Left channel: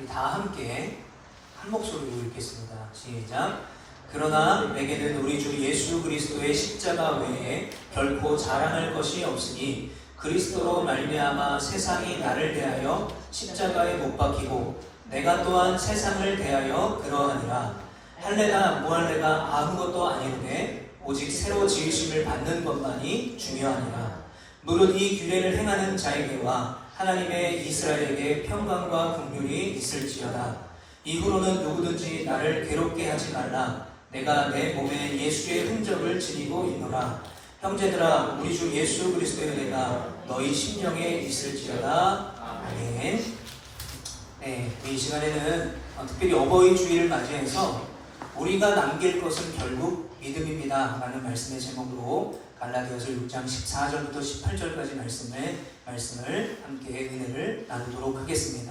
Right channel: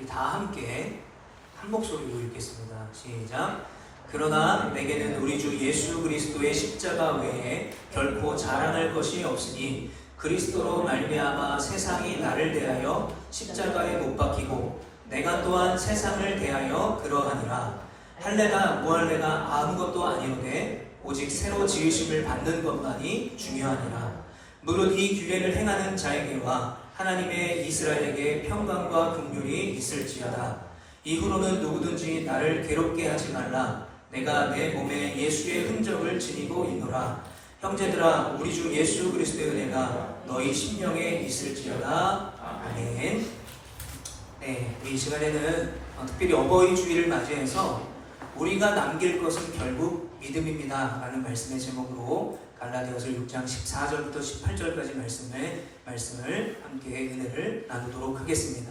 우리 다 함께 한 목소리로 읽겠습니다. 시작. 그러나 내게는 우리 주 예수 그리스도의 십자가 외에 결코 자랑할 것이 없으니 그리스도로 말미암아 세상이 나를 대하여 십자가에 못 박히고 내가 또한 세상을 대하여 그러하니라. 할례나 무할례가 아무것도 아니오되 오직 새로 지으심을 받는 것만이 중요하니라. 무릇 이 규례를 행하는 자에게와 하나님의 이스라엘에게 평강과 긍휼이 있을지어다. 이후로는 누구든지 나를 괴롭게 하지 말라. 내가 내 몸에 예수의 흔적을 지니고 있노라. 형제들아, 우리 주 예수 그리스도의 은혜가 너희 심령에 있을지어다. 아멘. 네, 이 시간에는 특별히 어버이 주일을 맞이해서 우리가 남길 것은 결국 믿음입니다 라는 말씀의 제목으로 갈라디아서 6장 14절부터 18절까지 말씀을 함께 은혜를 나누도록 하겠습니다.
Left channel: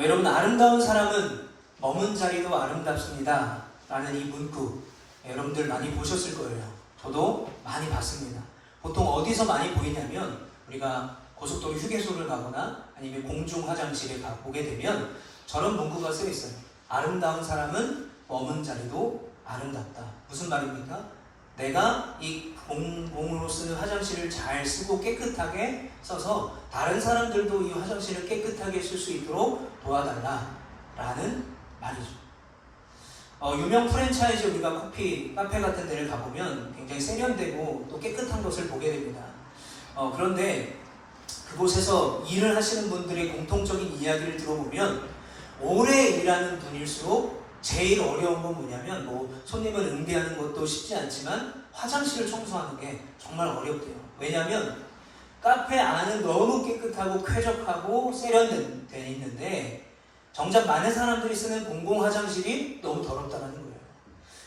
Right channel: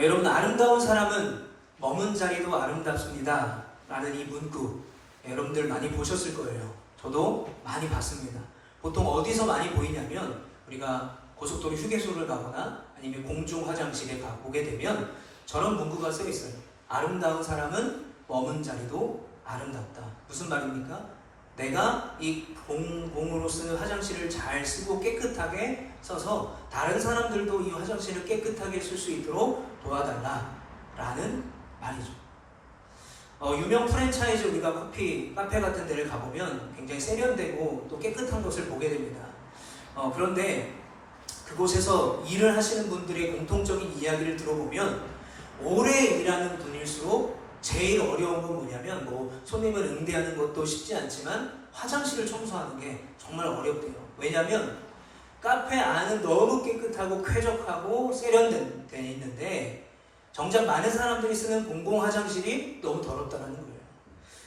여러분, 아름다운 사람은 머문 자리도 아름답습니다 라는 이 문구 여러분들 많이 보셨을 거예요. 저도 많이 봤습니다. 보통 어디서 많이 보이냐면 우리가 고속도로 휴게소를 가거나 아니면 공중 화장실에 보게 되면 저런 문구가 써 있어요. 아름다운 사람은 머문 자리도 아름답다. 무슨 말입니까? 내가 이 공으로 쓰는 화장실을 잘 쓰고 깨끗하게 써서 다른 사람들도 이 화장실을 깨끗하게 쓸 수 있도록 도와달라 라는 말이죠. 유명 프랜차이즈 우리가 커피, 카페 같은 데를 가보면 굉장히 세련되고 또 깨끗한 것을 보게 됩니다. 그런데 그곳에서 일을 하시는 분들의 공통적인 이야기를 들어보면 오래 일하는 분일수록 제일 어려운 건 뭐냐면 손님을 응대하는 것도 쉽지 않지만 화장실을 청소하는 게 정말 어렵대요. 왜냐하면 카페 안은 너무 깨끗하고 쾌적하고 세련되어 있는데 정작 많은 사람들이 쓰는 공공 화장실이 너무 더럽다는 거예요.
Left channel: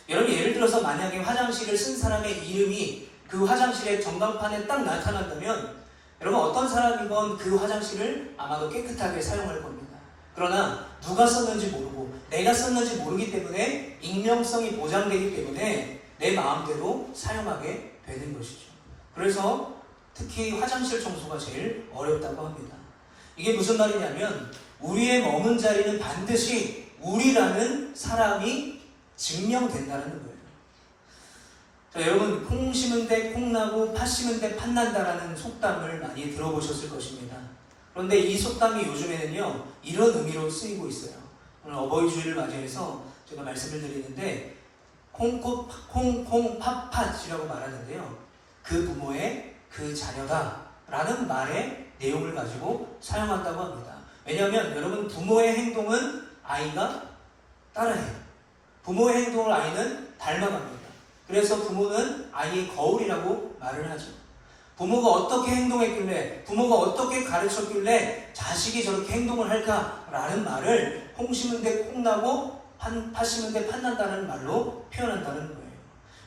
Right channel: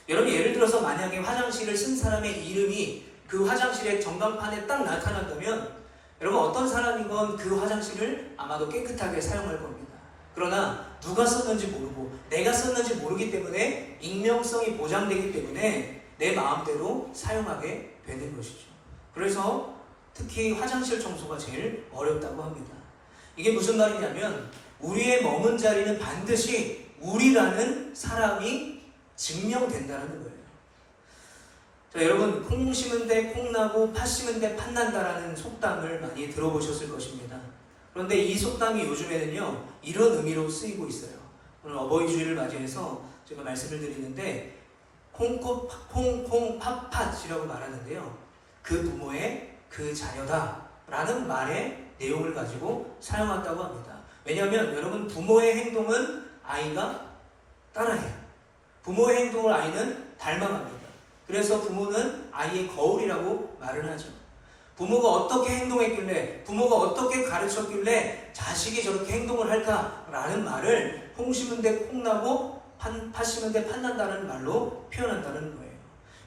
여러분, 예를 들어서 만약에 화장실을 쓴 사람의 이름이 그 화장실의 전광판에 딱 나타난다면 여러분, 어떤 사람이건 그 화장실을 아마도 깨끗하게 사용할 겁니다. 그러나 누가 썼는지 모르고 내가 썼는지 모르기 때문에 익명성이 보장되기 때문에 내 마음대로 사용하게 되는 것이죠. 그래서 특히 화장실 청소가 제일 어렵다고 합니다. 이게 무슨 말이냐면 우리의 머문 자리는 반드시 우리라는 사람이 증명된다는 거예요. 자, 여러분, 콩 심은데 콩 나고 팥 심은데 팥 난다라는 속담을 많이 들어보셨을 것입니다. 그런데 이 속담이 요즘에는요 이런 의미로 쓰이고 있어요. 오늘 어버이 주일을 맞이해서 제가 말씀을 드리는데 콩콩 팥팥이라고 말하는데요, 그 부모의 그 자녀다 라는 말의 내용을 가지고 사용한다고 합니다. 왜냐하면 여러분, 부모의 행동은 아이가 따라해요. 부모의 행동을 아이는 닮아갑니다. 그래서 부모는 아이의 거울이라고 말을 하죠. 부모가 어떻게 행동했길래, 부모가 어떻게 가르쳤길래 자식이 저렇게 행동을 할까라는 말을 콩 심은데 콩 나고 팥 심은데 팥 난다는 말로 표현한다는 거예요.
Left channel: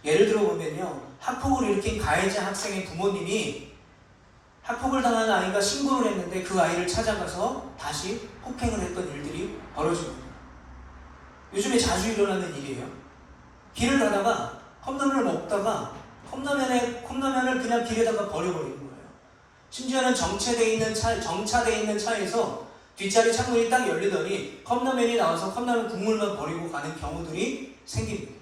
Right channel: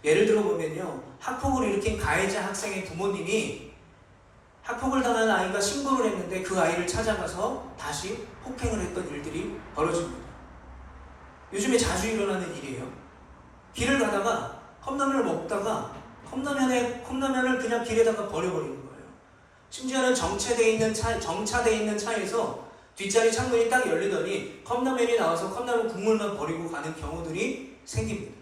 예를 들어 보면요, 학폭을 일으킨 가해자 학생의 부모님이 학폭을 당한 아이가 신고를 했는데 그 아이를 찾아가서 다시 폭행을 했던 일들이 벌어집니다. 요즘에 자주 일어나는 일이에요. 길을 가다가 컵라면을 먹다가 컵라면을 그냥 길에다가 버려버리는 거예요. 심지어는 정차되어 있는 차에서 뒷자리 창문이 딱 열리더니 컵라면이 나와서 컵라면 국물만 버리고 가는 경우들이 생깁니다.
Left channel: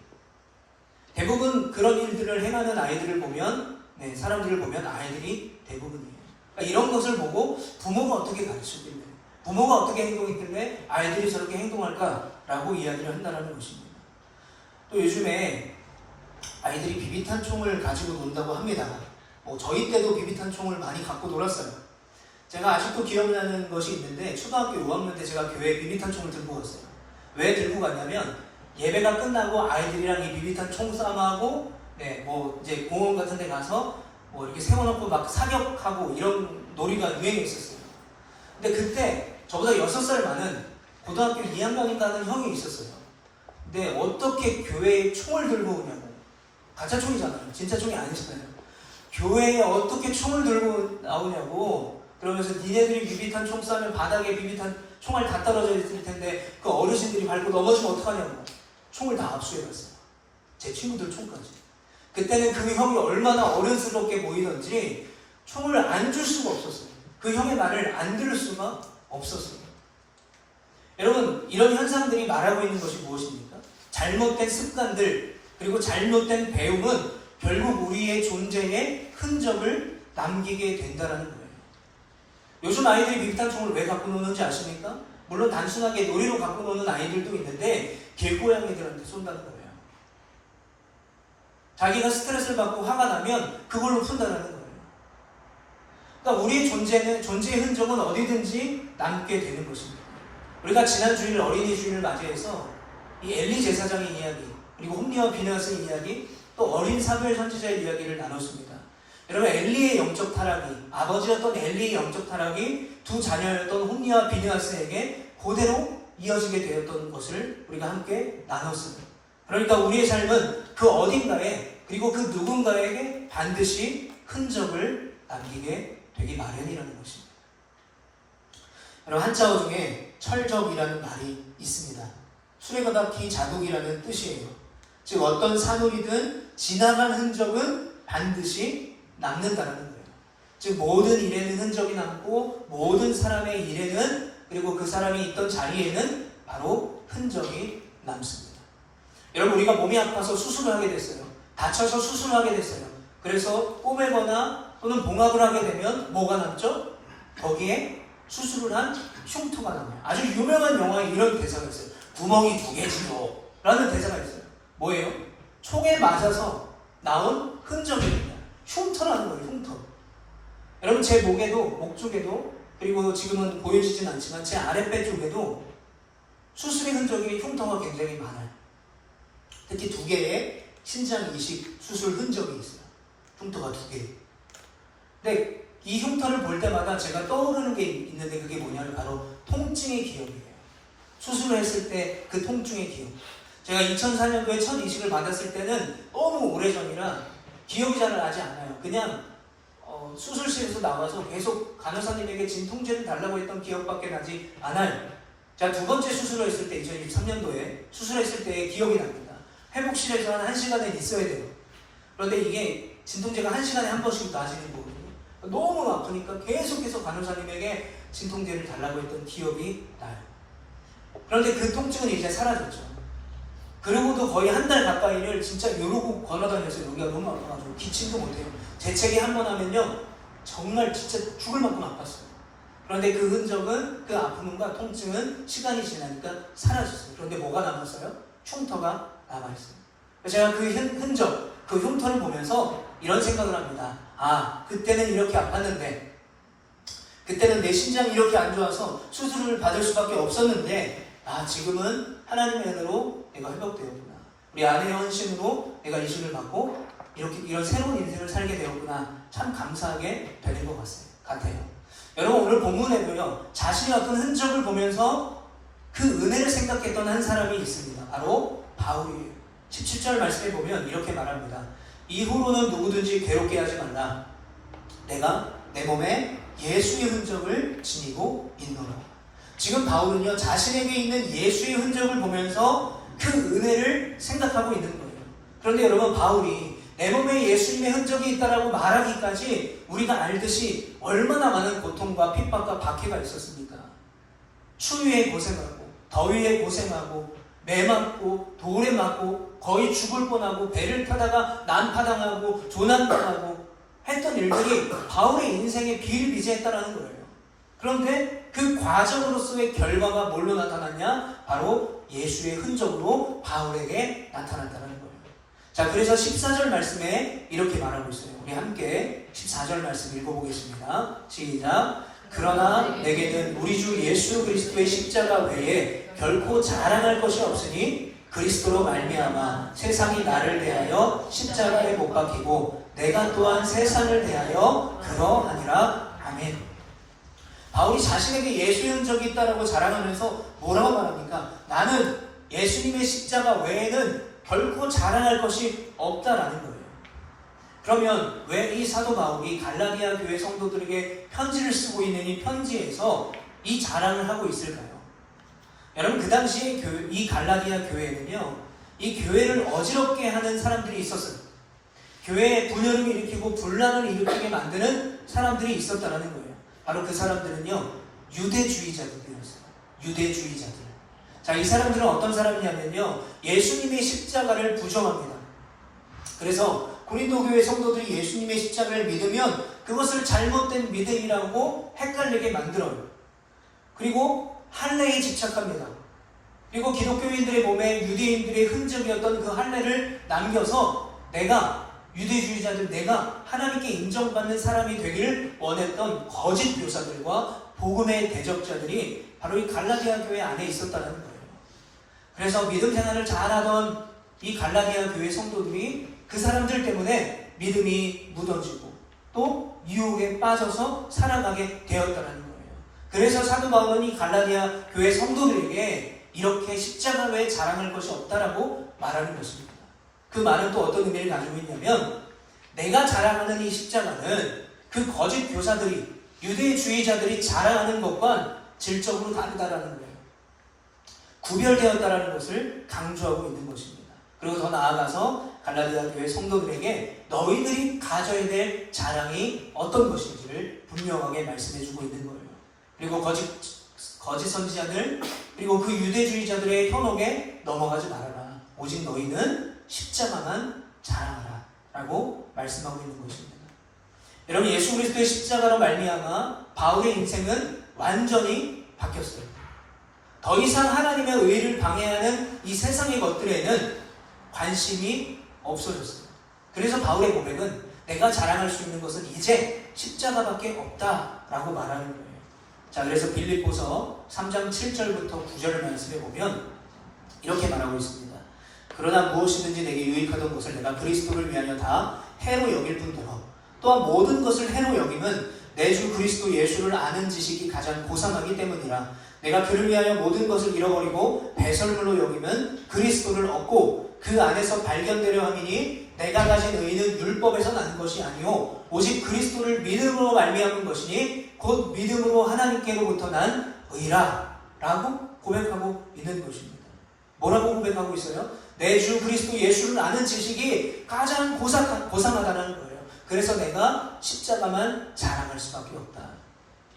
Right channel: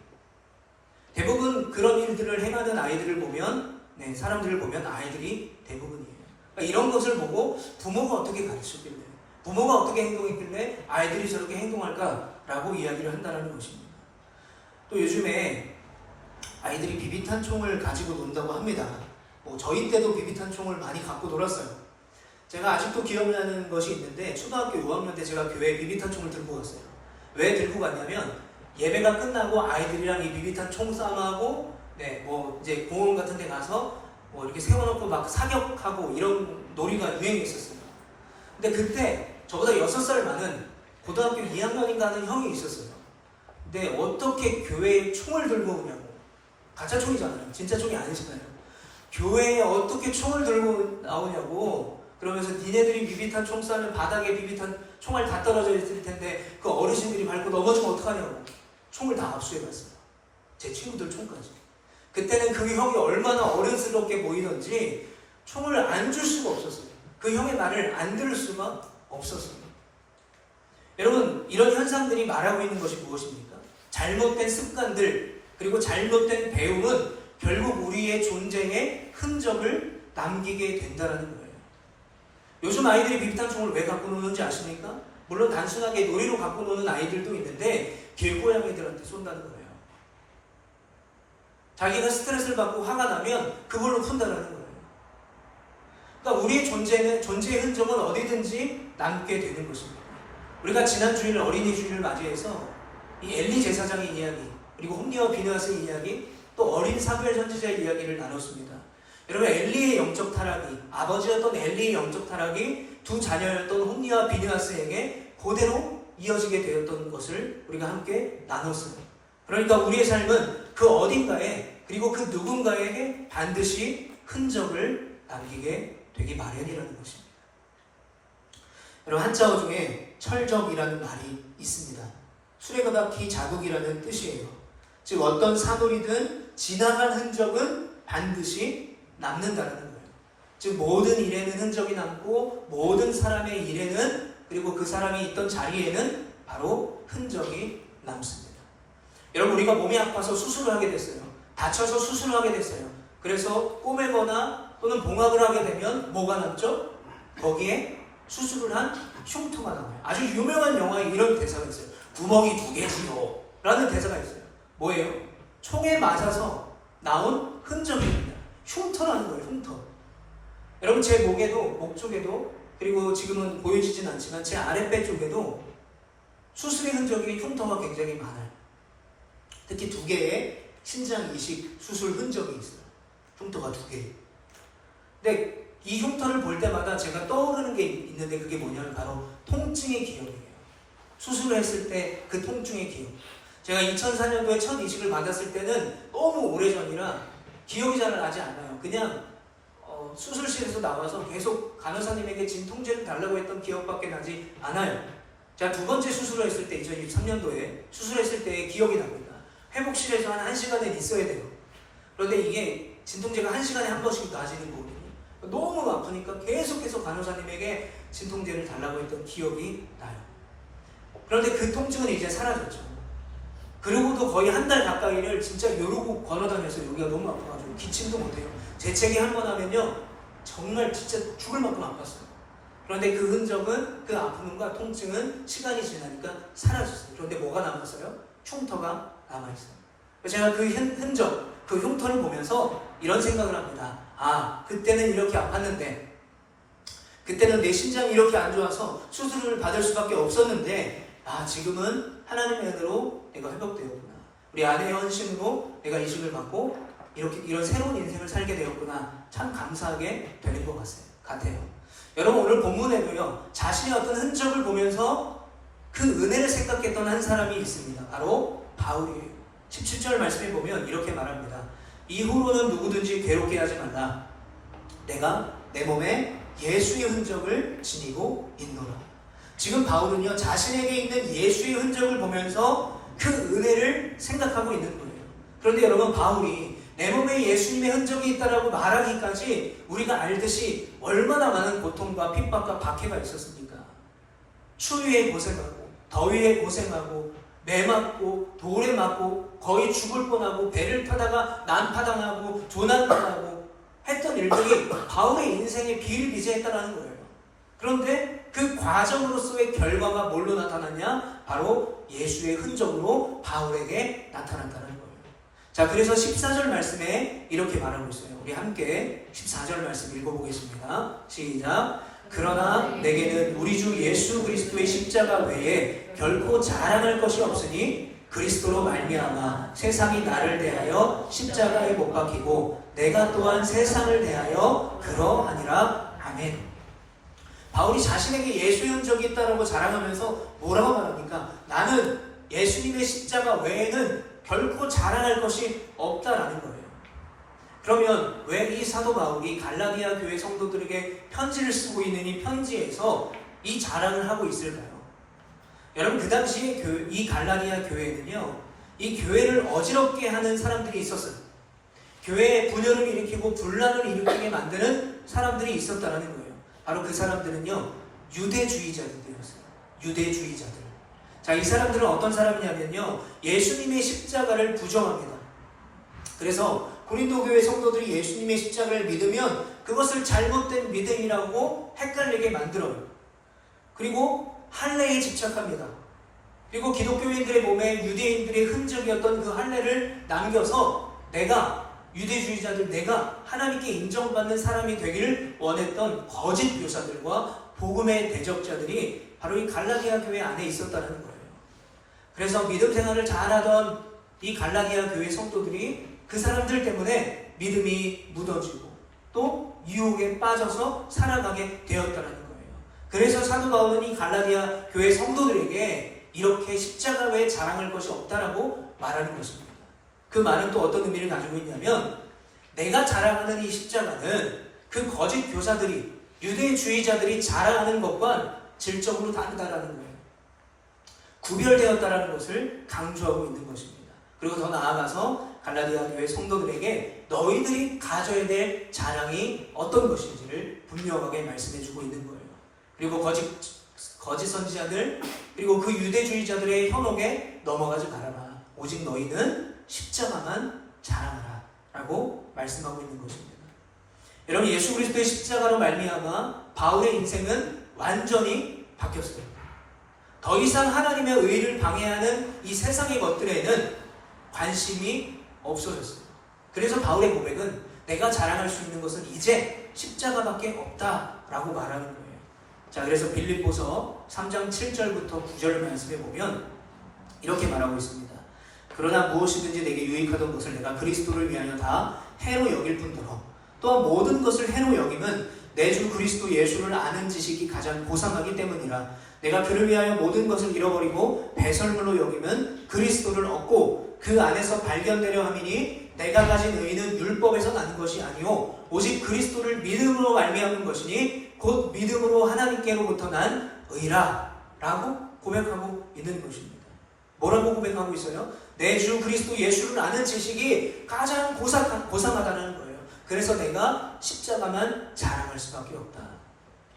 대부분 그런 일들을 행하는 아이들을 보면, 사람들을 보면 아이들이 대부분이에요. 그러니까 이런 것을 보고 부모가 어떻게 가르쳤길래, 부모가 어떻게 행동했길래 아이들이 저렇게 행동할까라고 이야기를 한다는 것입니다. 또 요즘에 아이들이 비비탄 총을 가지고 논다고 합니다. 저희 때도 비비탄 총을 많이 갖고 놀았어요. 제가 아직도 기억나는 것이 있는데 초등학교 5학년 때 제가 교회에 비비탄 총을 들고 갔어요. 왜 들고 갔냐면 예배가 끝나고 아이들이랑 이 비비탄 총싸움하고 이제 공원 같은 데 가서 이렇게 세워놓고 막 사격하고 이런 놀이가 유행했었어요. 근데 그때 저보다 6살 많은 고등학교 2학년인가 하는 형이 있었어요. 근데 어떻게 교회에 총을 들고 오냐고. 가짜 총이잖아요. 진짜 총이 아니잖아요. 교회에 어떻게 총을 들고 나오냐고. 그러면서 니네들이 비비탄 총 쏴면 바닥에 비비탄 총알 다 떨어져 있을 텐데 그 어르신들이 밟고 넘어지면 어떡하냐고. 총을 다 압수해갔어요. 제 친구들 총까지. 그때는 그 형이 얼마나 어른스럽게 보이던지 총을 안 줄 수가 없었어요. 그 형의 말을 안 들을 수가 없었어요. 여러분, 이런 현상들이 말하고 있는 것이 무엇입니까? 잘못된 습관들, 그리고 잘못된 배움은 결국 우리의 존재에 흔적을 남기게 된다는 거예요. 요즘 아이들이 비비탄총을 왜 갖고 노는지 아십니까? 물론 단순하게 놀이로 갖고 노는 아이들도 있는데 길고양이들한테 쏜다는 거예요. 자기가 스트레스를 받고 화가 나면 그걸로 푼다는 거예요. 그러니까 우리의 존재의 흔적은 어디든지 남게 되는 것입니다. 우리가 지난 주일 어린이 주일을 맞이해서 이 엘리 제사장의 이야기, 그리고 홈리와 비느하스의 이야기, 또 어린 사무엘 선지자의 이야기를 나눴습니다. 여러분, 엘리의 영적 타락이, 아버지였던 엘리의 영적 타락이 두 자녀였던 홈리와 비느하스에게 그대로 이어지게 되었던 것을 우리가 함께 나눴습니다. 그러니까 우리의 삶은 그 어딘가에, 그리고 그 누군가에게 반드시 흔적을 남기게 되기 마련이라는 것입니다. 여러분, 한자어 중에 철적이라는 말이 있습니다. 수레바퀴 자국이라는 뜻이에요. 즉 어떤 사물이든 지나간 흔적은 반드시 남는다는 거예요. 즉 모든 일에는 흔적이 남고 모든 사람의 일에는, 그리고 그 사람이 있던 자리에는 바로 흔적이 남습니다. 여러분, 우리가 몸이 아파서 수술을 하게 됐어요. 다쳐서 수술을 하게 됐어요. 그래서 꼬매거나 또는 봉합을 하게 되면 뭐가 남죠? 거기에 수술을 한 흉터가 남아요. 아주 유명한 영화에 이런 대사가 있어요. 구멍이 2개지요 라는 대사가 있어요. 뭐예요? 총에 맞아서 나온 흔적입니다. 흉터라는 거예요. 흉터. 여러분, 제 목 쪽에도, 그리고 지금은 보여지진 않지만 제 아랫배 쪽에도 수술의 흔적이, 흉터가 굉장히 많아요. 특히 2개의 신장 이식 수술 흔적이 있어요. 흉터가 2개. 근데 이 흉터를 볼 때마다 제가 떠오르는 게 있는데, 그게 뭐냐면 바로 통증의 기억이에요. 수술을 했을 때 그 통증의 기억. 제가 2004년도에 첫 이식을 받았을 때는 너무 오래전이라 기억이 잘 나지 않아요. 그냥 수술실에서 나와서 계속 간호사님에게 진통제를 달라고 했던 기억밖에 나지 않아요. 제가 2번째 수술을 했을 때 2023년도에 수술했을 때의 기억이 납니다. 회복실에서 한 1시간은 있어야 돼요. 그런데 이게 진통제가 1시간에 한 번씩 놔지는 거거든요. 너무 아프니까 계속해서 간호사님에게 진통제를 달라고 했던 기억이 나요. 그런데 그 통증은 이제 사라졌죠. 그리고도 거의 한 달 가까이를 진짜 요러고 걸어다녔어요. 여기가 너무 아파가지고 기침도 못해요. 재채기 한 번 하면요 정말 진짜 죽을 만큼 아팠어요. 그런데 그 흔적은, 그 아픔과 통증은 시간이 지나니까 사라졌어요. 그런데 뭐가 남았어요? 흉터가 남아있어요. 그래서 제가 그 흔적, 그 흉터를 보면서 이런 생각을 합니다. 아, 그때는 이렇게 아팠는데, 그때는 내 심장이 이렇게 안 좋아서 수술을 받을 수밖에 없었는데, 아, 지금은 하나님의 은혜로 내가 회복되었구나. 우리 아내의 헌신으로 내가 이식을 받고 이런 새로운 인생을 살게 되었구나. 참 감사하게 되는 것 같아요. 여러분, 오늘 본문에도요, 자신의 어떤 흔적을 보면서 그 은혜를 생각했던 한 사람이 있습니다. 바로 바울이에요. 17절 말씀에 보면 이렇게 말합니다. 이후로는 누구든지 괴롭게 하지 말라. 내가 내 몸에 예수의 흔적을 지니고 있노라. 지금 바울은요, 자신에게 있는 예수의 흔적을 보면서 그 은혜를 생각하고 있는 거예요. 그런데 여러분, 바울이 내 몸에 예수님의 흔적이 있다라고 말하기까지 우리가 알듯이 얼마나 많은 고통과 핍박과 박해가 있었습니까? 추위에 고생하고, 더위에 고생하고, 매 맞고, 돌에 맞고, 거의 죽을 뻔하고, 배를 타다가 난파당하고, 조난당하고 했던 일들이 바울의 인생에 비일비재했다는 거예요. 그런데 그 과정으로서의 결과가 뭘로 나타났냐? 바로 예수의 흔적으로 바울에게 나타났다는 거예요. 자, 그래서 14절 말씀에 이렇게 말하고 있어요. 우리 함께 14절 말씀 읽어보겠습니다. 시작. 그러나 내게는 우리 주 예수 그리스도의 십자가 외에 결코 자랑할 것이 없으니 그리스도로 말미암아 세상이 나를 대하여 십자가에 못 박히고 내가 또한 세상을 대하여 그러하니라. 아멘. 바울이 자신에게 예수의 흔적이 있다라고 자랑하면서 뭐라고 말합니까? 나는 예수님의 십자가 외에는 결코 자랑할 것이 없다라는 거예요. 그러면 왜 이 사도 바울이 갈라디아 교회 성도들에게 편지를 쓰고 있는 이 편지에서 이 자랑을 하고 있을까요? 여러분, 그 당시 이 갈라디아 교회는요, 이 교회를 어지럽게 하는 사람들이 있었어요. 교회에 분열을 일으키고 분란을 일으키게 만드는 사람들이 있었다는 거예요. 바로 그 사람들은요, 유대주의자들이었어요. 유대주의자들. 자, 이 사람들은 어떤 사람이냐면요, 예수님의 십자가를 부정합니다. 그래서 고린도 교회 성도들이 예수님의 십자가를 믿으면 그것을 잘못된 믿음이라고 헷갈리게 만들어요. 그리고 할례에 집착합니다. 그리고 기독교인들의 몸에 유대인들의 흔적이었던 그 할례를 남겨서 내가 유대주의자들, 내가 하나님께 인정받는 사람이 되기를 원했던 거짓 교사들과 복음의 대적자들이 바로 이 갈라디아 교회 안에 있었다는 거예요. 그래서 믿음 생활을 잘하던 이 갈라디아 교회 성도들이 그 사람들 때문에 믿음이 무너지고 또 유혹에 빠져서 살아가게 되었다는 거예요. 그래서 사도 바울은 이 갈라디아 교회 성도들에게 이렇게 십자가 외에 자랑할 것이 없다라고 말하는 것입니다. 그 말은 또 어떤 의미를 가지고 있냐면, 내가 자랑하는 이 십자가는 그 거짓 교사들이, 유대주의자들이 자랑하는 것과 질적으로 다르다라는 거예요. 구별되었다라는 것을 강조하고 있는 것입니다. 그리고 더 나아가서 갈라디아 교회 성도들에게 너희들이 가져야 될 자랑이 어떤 것인지를 분명하게 말씀해주고 있는 거예요. 그리고 거짓 선지자들, 그리고 그 유대주의자들의 현혹에 넘어가지 말아라. 오직 너희는 십자가만 자랑하라 라고 말씀하고 있는 것입니다. 여러분, 예수 그리스도의 십자가로 말미암아 바울의 인생은 완전히 바뀌었어요. 더 이상 하나님의 의를 방해하는 이 세상의 것들에는 관심이 없어졌어요. 그래서 바울의 고백은 내가 자랑할 수 있는 것은 이제 십자가밖에 없다라고 말하는 거예요. 자, 그래서 빌립보서 3장 7절부터 9절 말씀에 보면 이렇게 말하고 있습니다. 그러나 무엇이든지 내게 유익하던 것을 내가 그리스도를 위하여 다 해로 여길 뿐더러 또한 모든 것을 해로 여김은 내 주 그리스도 예수를 아는 지식이 가장 고상하기 때문이라. 내가 그를 위하여 모든 것을 잃어버리고 배설물로 여기면 그리스도를 얻고 그 안에서 발견되려 함이니 내가 가진 의는 율법에서 나는 것이 아니오 오직 그리스도를 믿음으로 말미암은 것이니 곧 믿음으로 하나님께로부터 난 의라 라고 고백하고 있는 것입니다. 뭐라고 고백하고 있어요? 내 주 그리스도 예수를 아는 지식이 가장 고상하다는 거예요. 그래서 내가 십자가만 자랑할 수밖에 없다.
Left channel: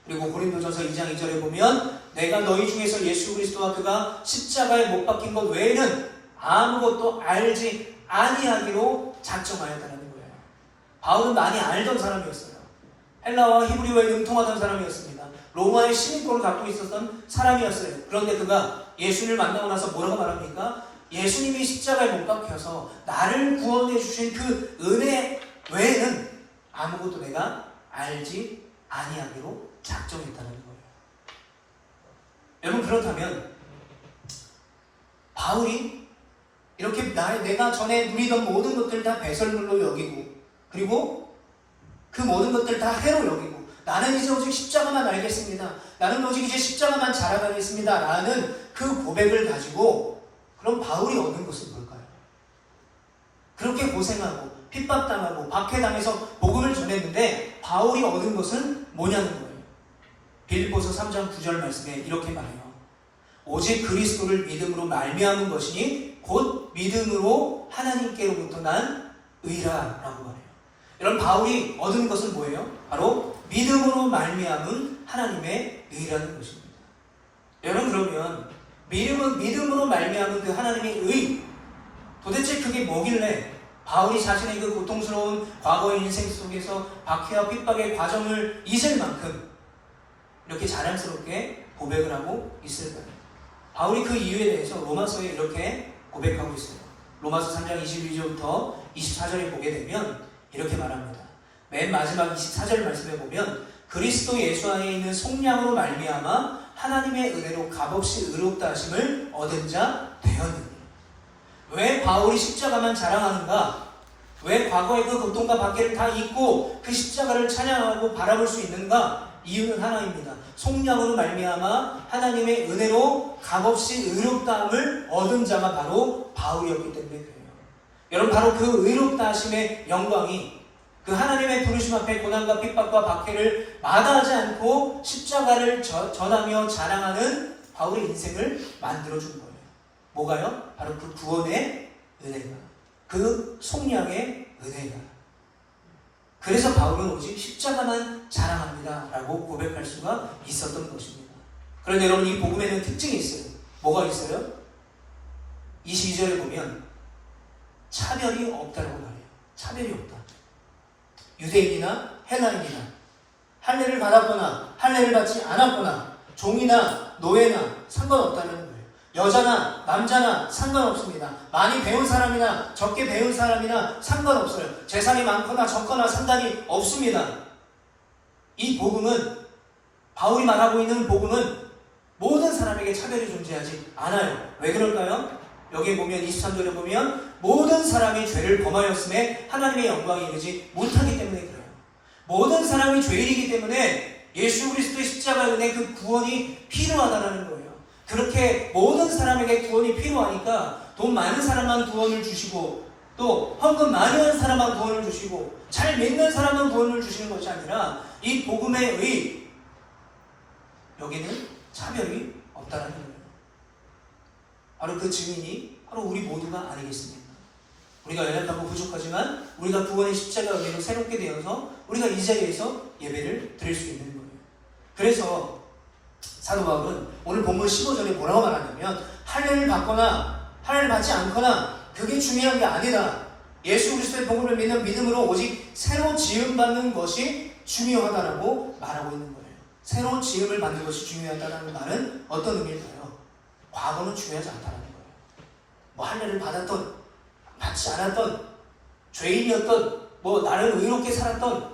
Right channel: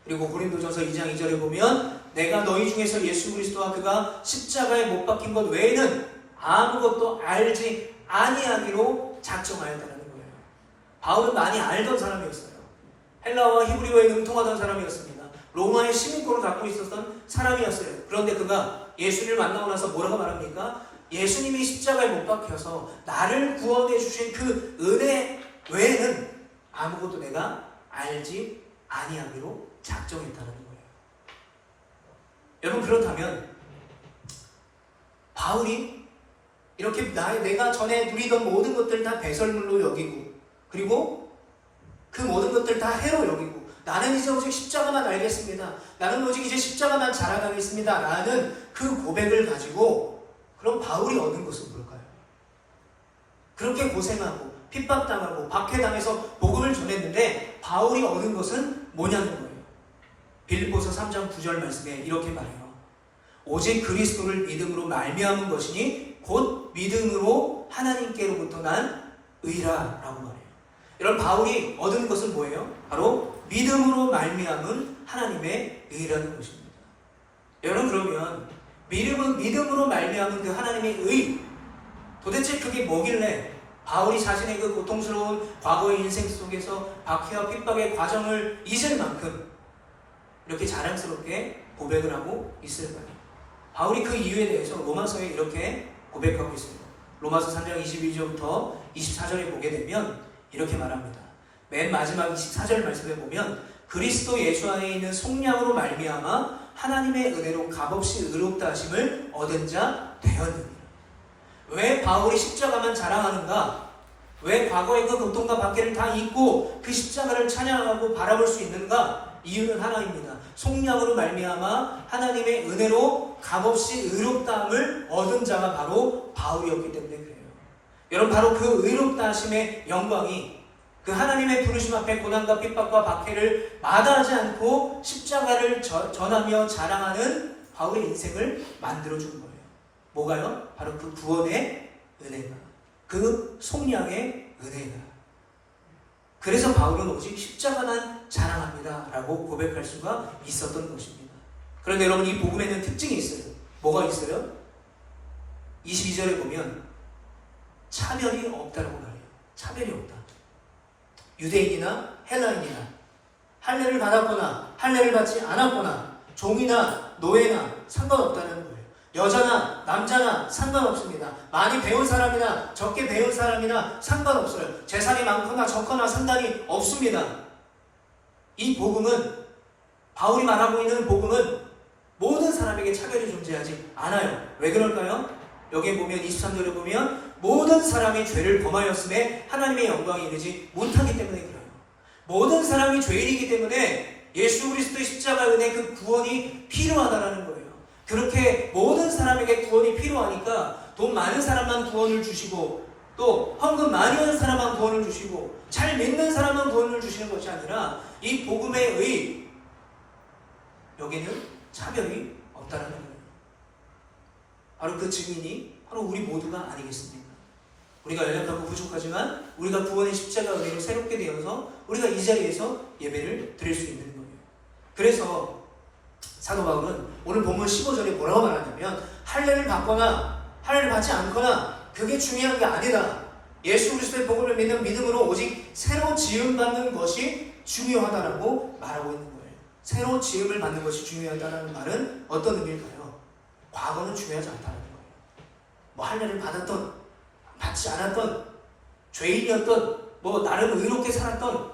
그리고 고린도전서 2장 2절에 보면 내가 너희 중에서 예수 그리스도와 그가 십자가에 못 박힌 것 외에는 아무것도 알지 아니하기로 작정하였다는 거예요. 바울은 많이 알던 사람이었어요. 헬라와 히브리어에 능통하던 사람이었습니다. 로마의 시민권을 갖고 있었던 사람이었어요. 그런데 그가 예수를 만나고 나서 뭐라고 말합니까? 예수님이 십자가에 못 박혀서 나를 구원해 주신 그 은혜 외에는 아무것도 내가 알지 아니하기로 작정했다는 거예요. 여러분, 그렇다면 바울이 이렇게 내가 전에 누리던 모든 것들 다 배설물로 여기고 그리고 그 모든 것들 다 해로 여기고 나는 이제 오직 십자가만 알겠습니다. 나는 오직 이제 십자가만 자랑하겠습니다. 라는 그 고백을 가지고 그럼 바울이 얻은 것은 뭘까요? 그렇게 고생하고 핍박당하고 박해당해서 복음을 전했는데 바울이 얻은 것은 뭐냐는 거예요. 빌립보서 3장 9절 말씀에 이렇게 말해요. 오직 그리스도를 믿음으로 말미암은 것이니 곧 믿음으로 하나님께로부터 난 의라 라고 말해요. 여러분, 바울이 얻은 것은 뭐예요? 바로 믿음으로 말미암은 하나님의 의라는 것입니다. 여러분, 그러면 믿음으로 말미암은 그 하나님의 의, 도대체 그게 뭐길래 바울이 자신의 그 고통스러운 과거의 인생 속에서 박해와 핍박의 과정을 잊을 만큼 이렇게 자랑스럽게 고백을 하고 있을까요? 바울이 그 이유에 대해서 로마서에 이렇게 고백하고 있습니다. 로마서 3장 22절부터 24절에 보게 되면 이렇게 말합니다. 맨 마지막 24절 말씀에 보면 그리스도 예수 안에 있는 속량으로 말미암아 하나님의 은혜로 값없이 의롭다 하심을 얻은 자 되었느니. 왜 바울이 십자가만 자랑하는가? 왜 과거의 그 고통과 박해를 다 잊고 그 십자가를 찬양하고 바라볼 수 있는가? 이유는 하나입니다. 속량으로 말미암아 하나님의 은혜로 값없이 의롭다함을 얻은 자가 바로 바울이었기 때문에 그래요. 여러분, 바로 그 의롭다 하심의 영광이 그 하나님의 부르심 앞에 고난과 핍박과 박해를 마다하지 않고 십자가를 전하며 자랑하는 바울의 인생을 만들어준 거예요. 뭐가요? 바로 그 구원의 은혜가, 그 속량의 은혜가. 그래서 바울은 오직 십자가만 자랑합니다 라고 고백할 수가 있었던 것입니다. 그런데 여러분, 이 복음에는 특징이 있어요. 뭐가 있어요? 22절에 보면 차별이 없다라고 말해요. 차별이 없다. 유대인이나 헬라인이나 할례를 받았거나 할례를 받지 않았거나 종이나 노예나 상관없다는 거예요. 여자나 남자나 상관없습니다. 많이 배운 사람이나 적게 배운 사람이나 상관없어요. 재산이 많거나 적거나 상관이 없습니다. 이 복음은, 바울이 말하고 있는 복음은 모든 사람에게 차별이 존재하지 않아요. 왜 그럴까요? 여기에 보면 23절에 보면 모든 사람이 죄를 범하였음에 하나님의 영광이 이르지 못하기 때문에 그래요. 모든 사람이 죄인이기 때문에 예수 그리스도의 십자가 은혜 그 구원이 필요하다는 거예요. 그렇게 모든 사람에게 구원이 필요하니까 돈 많은 사람만 구원을 주시고 또 헌금 많이 하는 사람만 구원을 주시고 잘 믿는 사람만 구원을 주시는 것이 아니라 이 복음에 의해 여기는 차별이 없다는 거예요. 바로 그 증인이 바로 우리 모두가 아니겠습니까? 우리가 연약하고 부족하지만 우리가 구원의 십자가 은혜로 새롭게 되어서 우리가 이 자리에서 예배를 드릴 수 있는 거예요. 그래서 사도 바울은 오늘 본문 15절에 뭐라고 말하냐면 할례를 받거나 할례를 받지 않거나 그게 중요한 게 아니다. 예수 그리스도의 복음을 믿는 믿음으로 오직 새로 지음받는 것이 중요하다라고 말하고 있는 거예요. 새로 지음을 받는 것이 중요하다는 말은 어떤 의미일까요? 과거는 중요하지 않다는 거예요. 뭐 할례를 받았던 받지 않았던 죄인이었던 나름 의롭게 살았던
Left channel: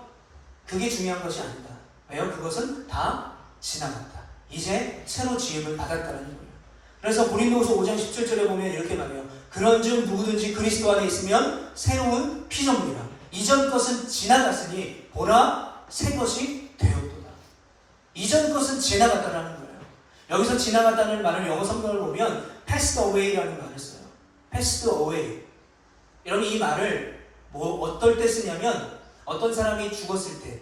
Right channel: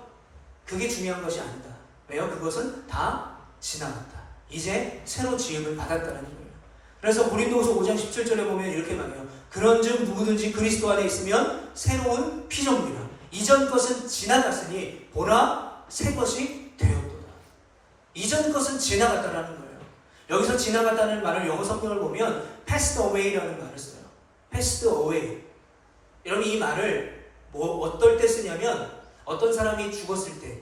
그게 중요한 것이 아니다. 왜요? 그것은 다 지나갔다. 이제 새로 지음을 받았다는 거예요. 그래서 고린도후서 5장 17절에 보면 이렇게 말해요. 그런즉 누구든지 그리스도 안에 있으면 새로운 피조물이라. 이전 것은 지나갔으니 보라 새 것이 되었도다. 이전 것은 지나갔다라는 거예요. 여기서 지나갔다는 말을 영어 성경을 보면 passed away라는 말을 써요. passed away. 여러분 이 말을 어떨 때 쓰냐면 어떤 사람이 죽었을 때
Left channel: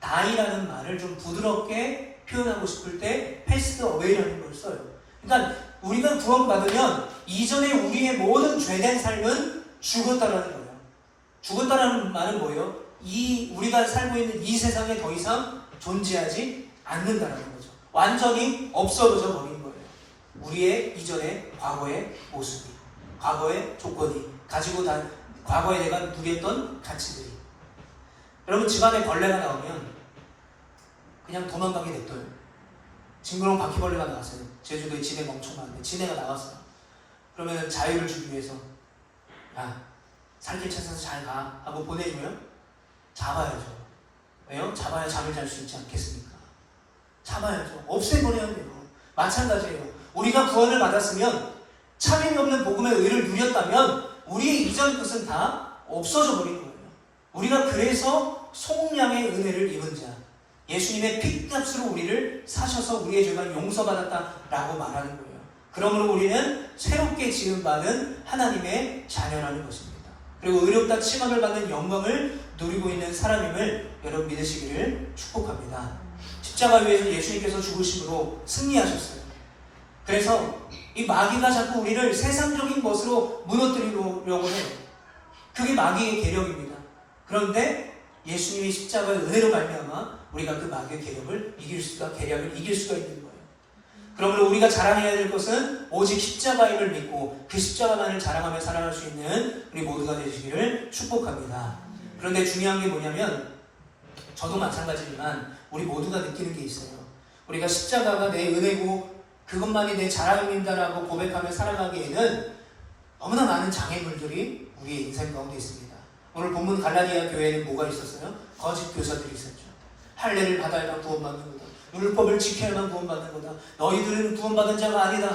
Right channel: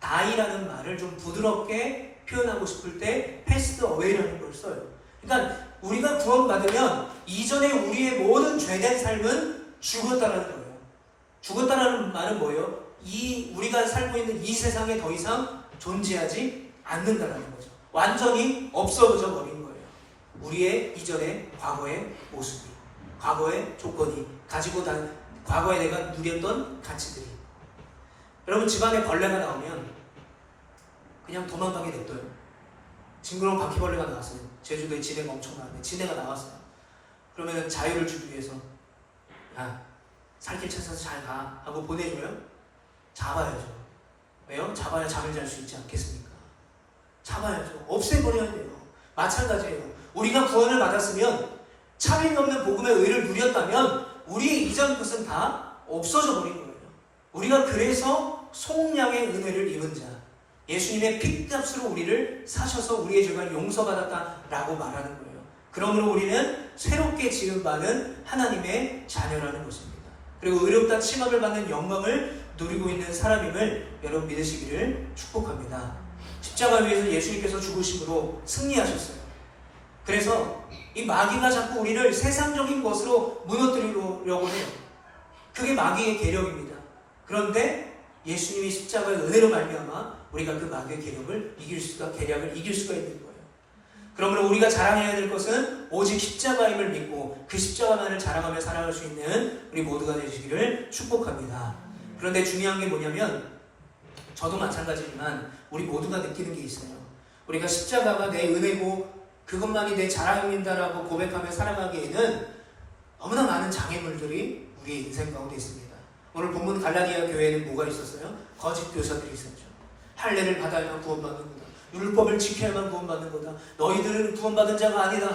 die라는 말을 좀 부드럽게 표현하고 싶을 때 passed away라는 걸 써요. 그러니까 우리가 구원받으면 이전에 우리의 모든 죄된 삶은 죽었다라는 거예요. 죽었다라는 말은 뭐예요? 우리가 살고 있는 이 세상에 더 이상 존재하지 않는다라는 거죠. 완전히 없어져 버린 거예요. 우리의 이전의 과거의 모습이, 과거의 조건이, 가지고 과거에 내가 누렸던 가치들이. 여러분 집안에 벌레가 나오면 그냥 도망가게 냅둬요. 징그러운 바퀴벌레가 나왔어요. 제주도에 진해가 엄청 많은데 진해가 나왔어요. 그러면 자유를 주기 위해서 야 살길 찾아서 잘 가 하고 보내줘요? 잡아야죠. 왜요? 잡아야 잠을 잘 수 있지 않겠습니까? 잡아야죠. 없애버려야 돼요. 마찬가지예요. 우리가 구원을 받았으면 참임 없는 복음의 의를 누렸다면 우리의 이전 것은 다 없어져 버린 거예요. 우리가 그래서 속량의 은혜를 입은 자, 예수님의 핏값으로 우리를 사셔서 우리의 죄가 용서받았다라고 말하는 거예요. 그러므로 우리는 새롭게 지음받은 하나님의 자녀라는 것입니다. 그리고 의롭다 칭함을 받는 영광을 누리고 있는 사람임을 여러분 믿으시기를 축복합니다. 십자가 위에서 예수님께서 죽으심으로 승리하셨어요. 그래서 이 마귀가 자꾸 우리를 세상적인 것으로 무너뜨리려고 해요. 그게 마귀의 계력입니다. 그런데 예수님이 십자가의 은혜로 말미암아 우리가 그 마귀의 계력을 계략을 이길 수가 있는 거예요. 그러므로 우리가 자랑해야 될 것은 오직 십자가임을 믿고 그 십자가만을 자랑하며 살아갈 수 있는 우리 모두가 되시기를 축복합니다. 그런데 중요한 게 뭐냐면 저도 마찬가지지만 우리 모두가 느끼는 게 있어요. 우리가 십자가가 내 은혜고 그것만이 내 자랑입니다라고 고백하며 살아가기에는 너무나 많은 장애물들이 우리의 인생 가운데 있습니다. 오늘 본문 갈라디아 교회에는 뭐가 있었어요? 거짓 교사들이 있었죠. 할례를 받아야만 구원받는 거다. 율법을 지켜야만 구원받는 거다. 너희들은 구원받은 자가 아니다.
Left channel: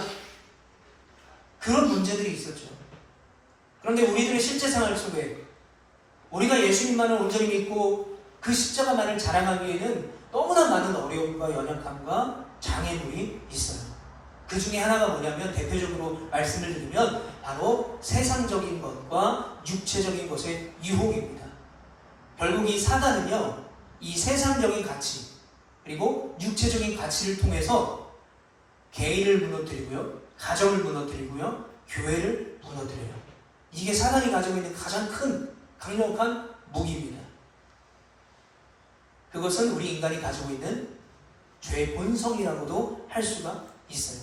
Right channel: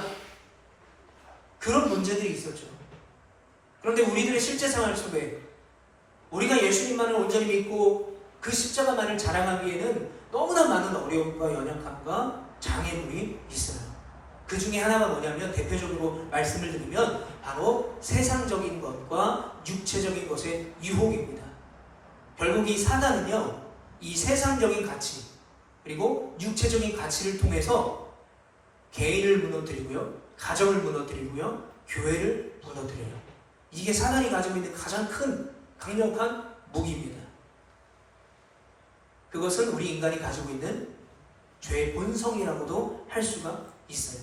그런 문제들이 있었죠. 그런데 우리들의 실제 생활 속에 우리가 예수님만을 온전히 믿고 그 십자가만을 자랑하기에는 너무나 많은 어려움과 연약함과 장애물이 있어요. 그 중에 하나가 뭐냐면 대표적으로 말씀을 드리면 바로 세상적인 것과 육체적인 것의 유혹입니다. 결국 이 사단은요, 이 세상적인 가치 그리고 육체적인 가치를 통해서 개인을 무너뜨리고요, 가정을 무너뜨리고요, 교회를 무너뜨려요. 이게 사단이 가지고 있는 가장 큰 강력한 무기입니다. 그것은 우리 인간이 가지고 있는 죄의 본성이라고도 할 수가 있어요.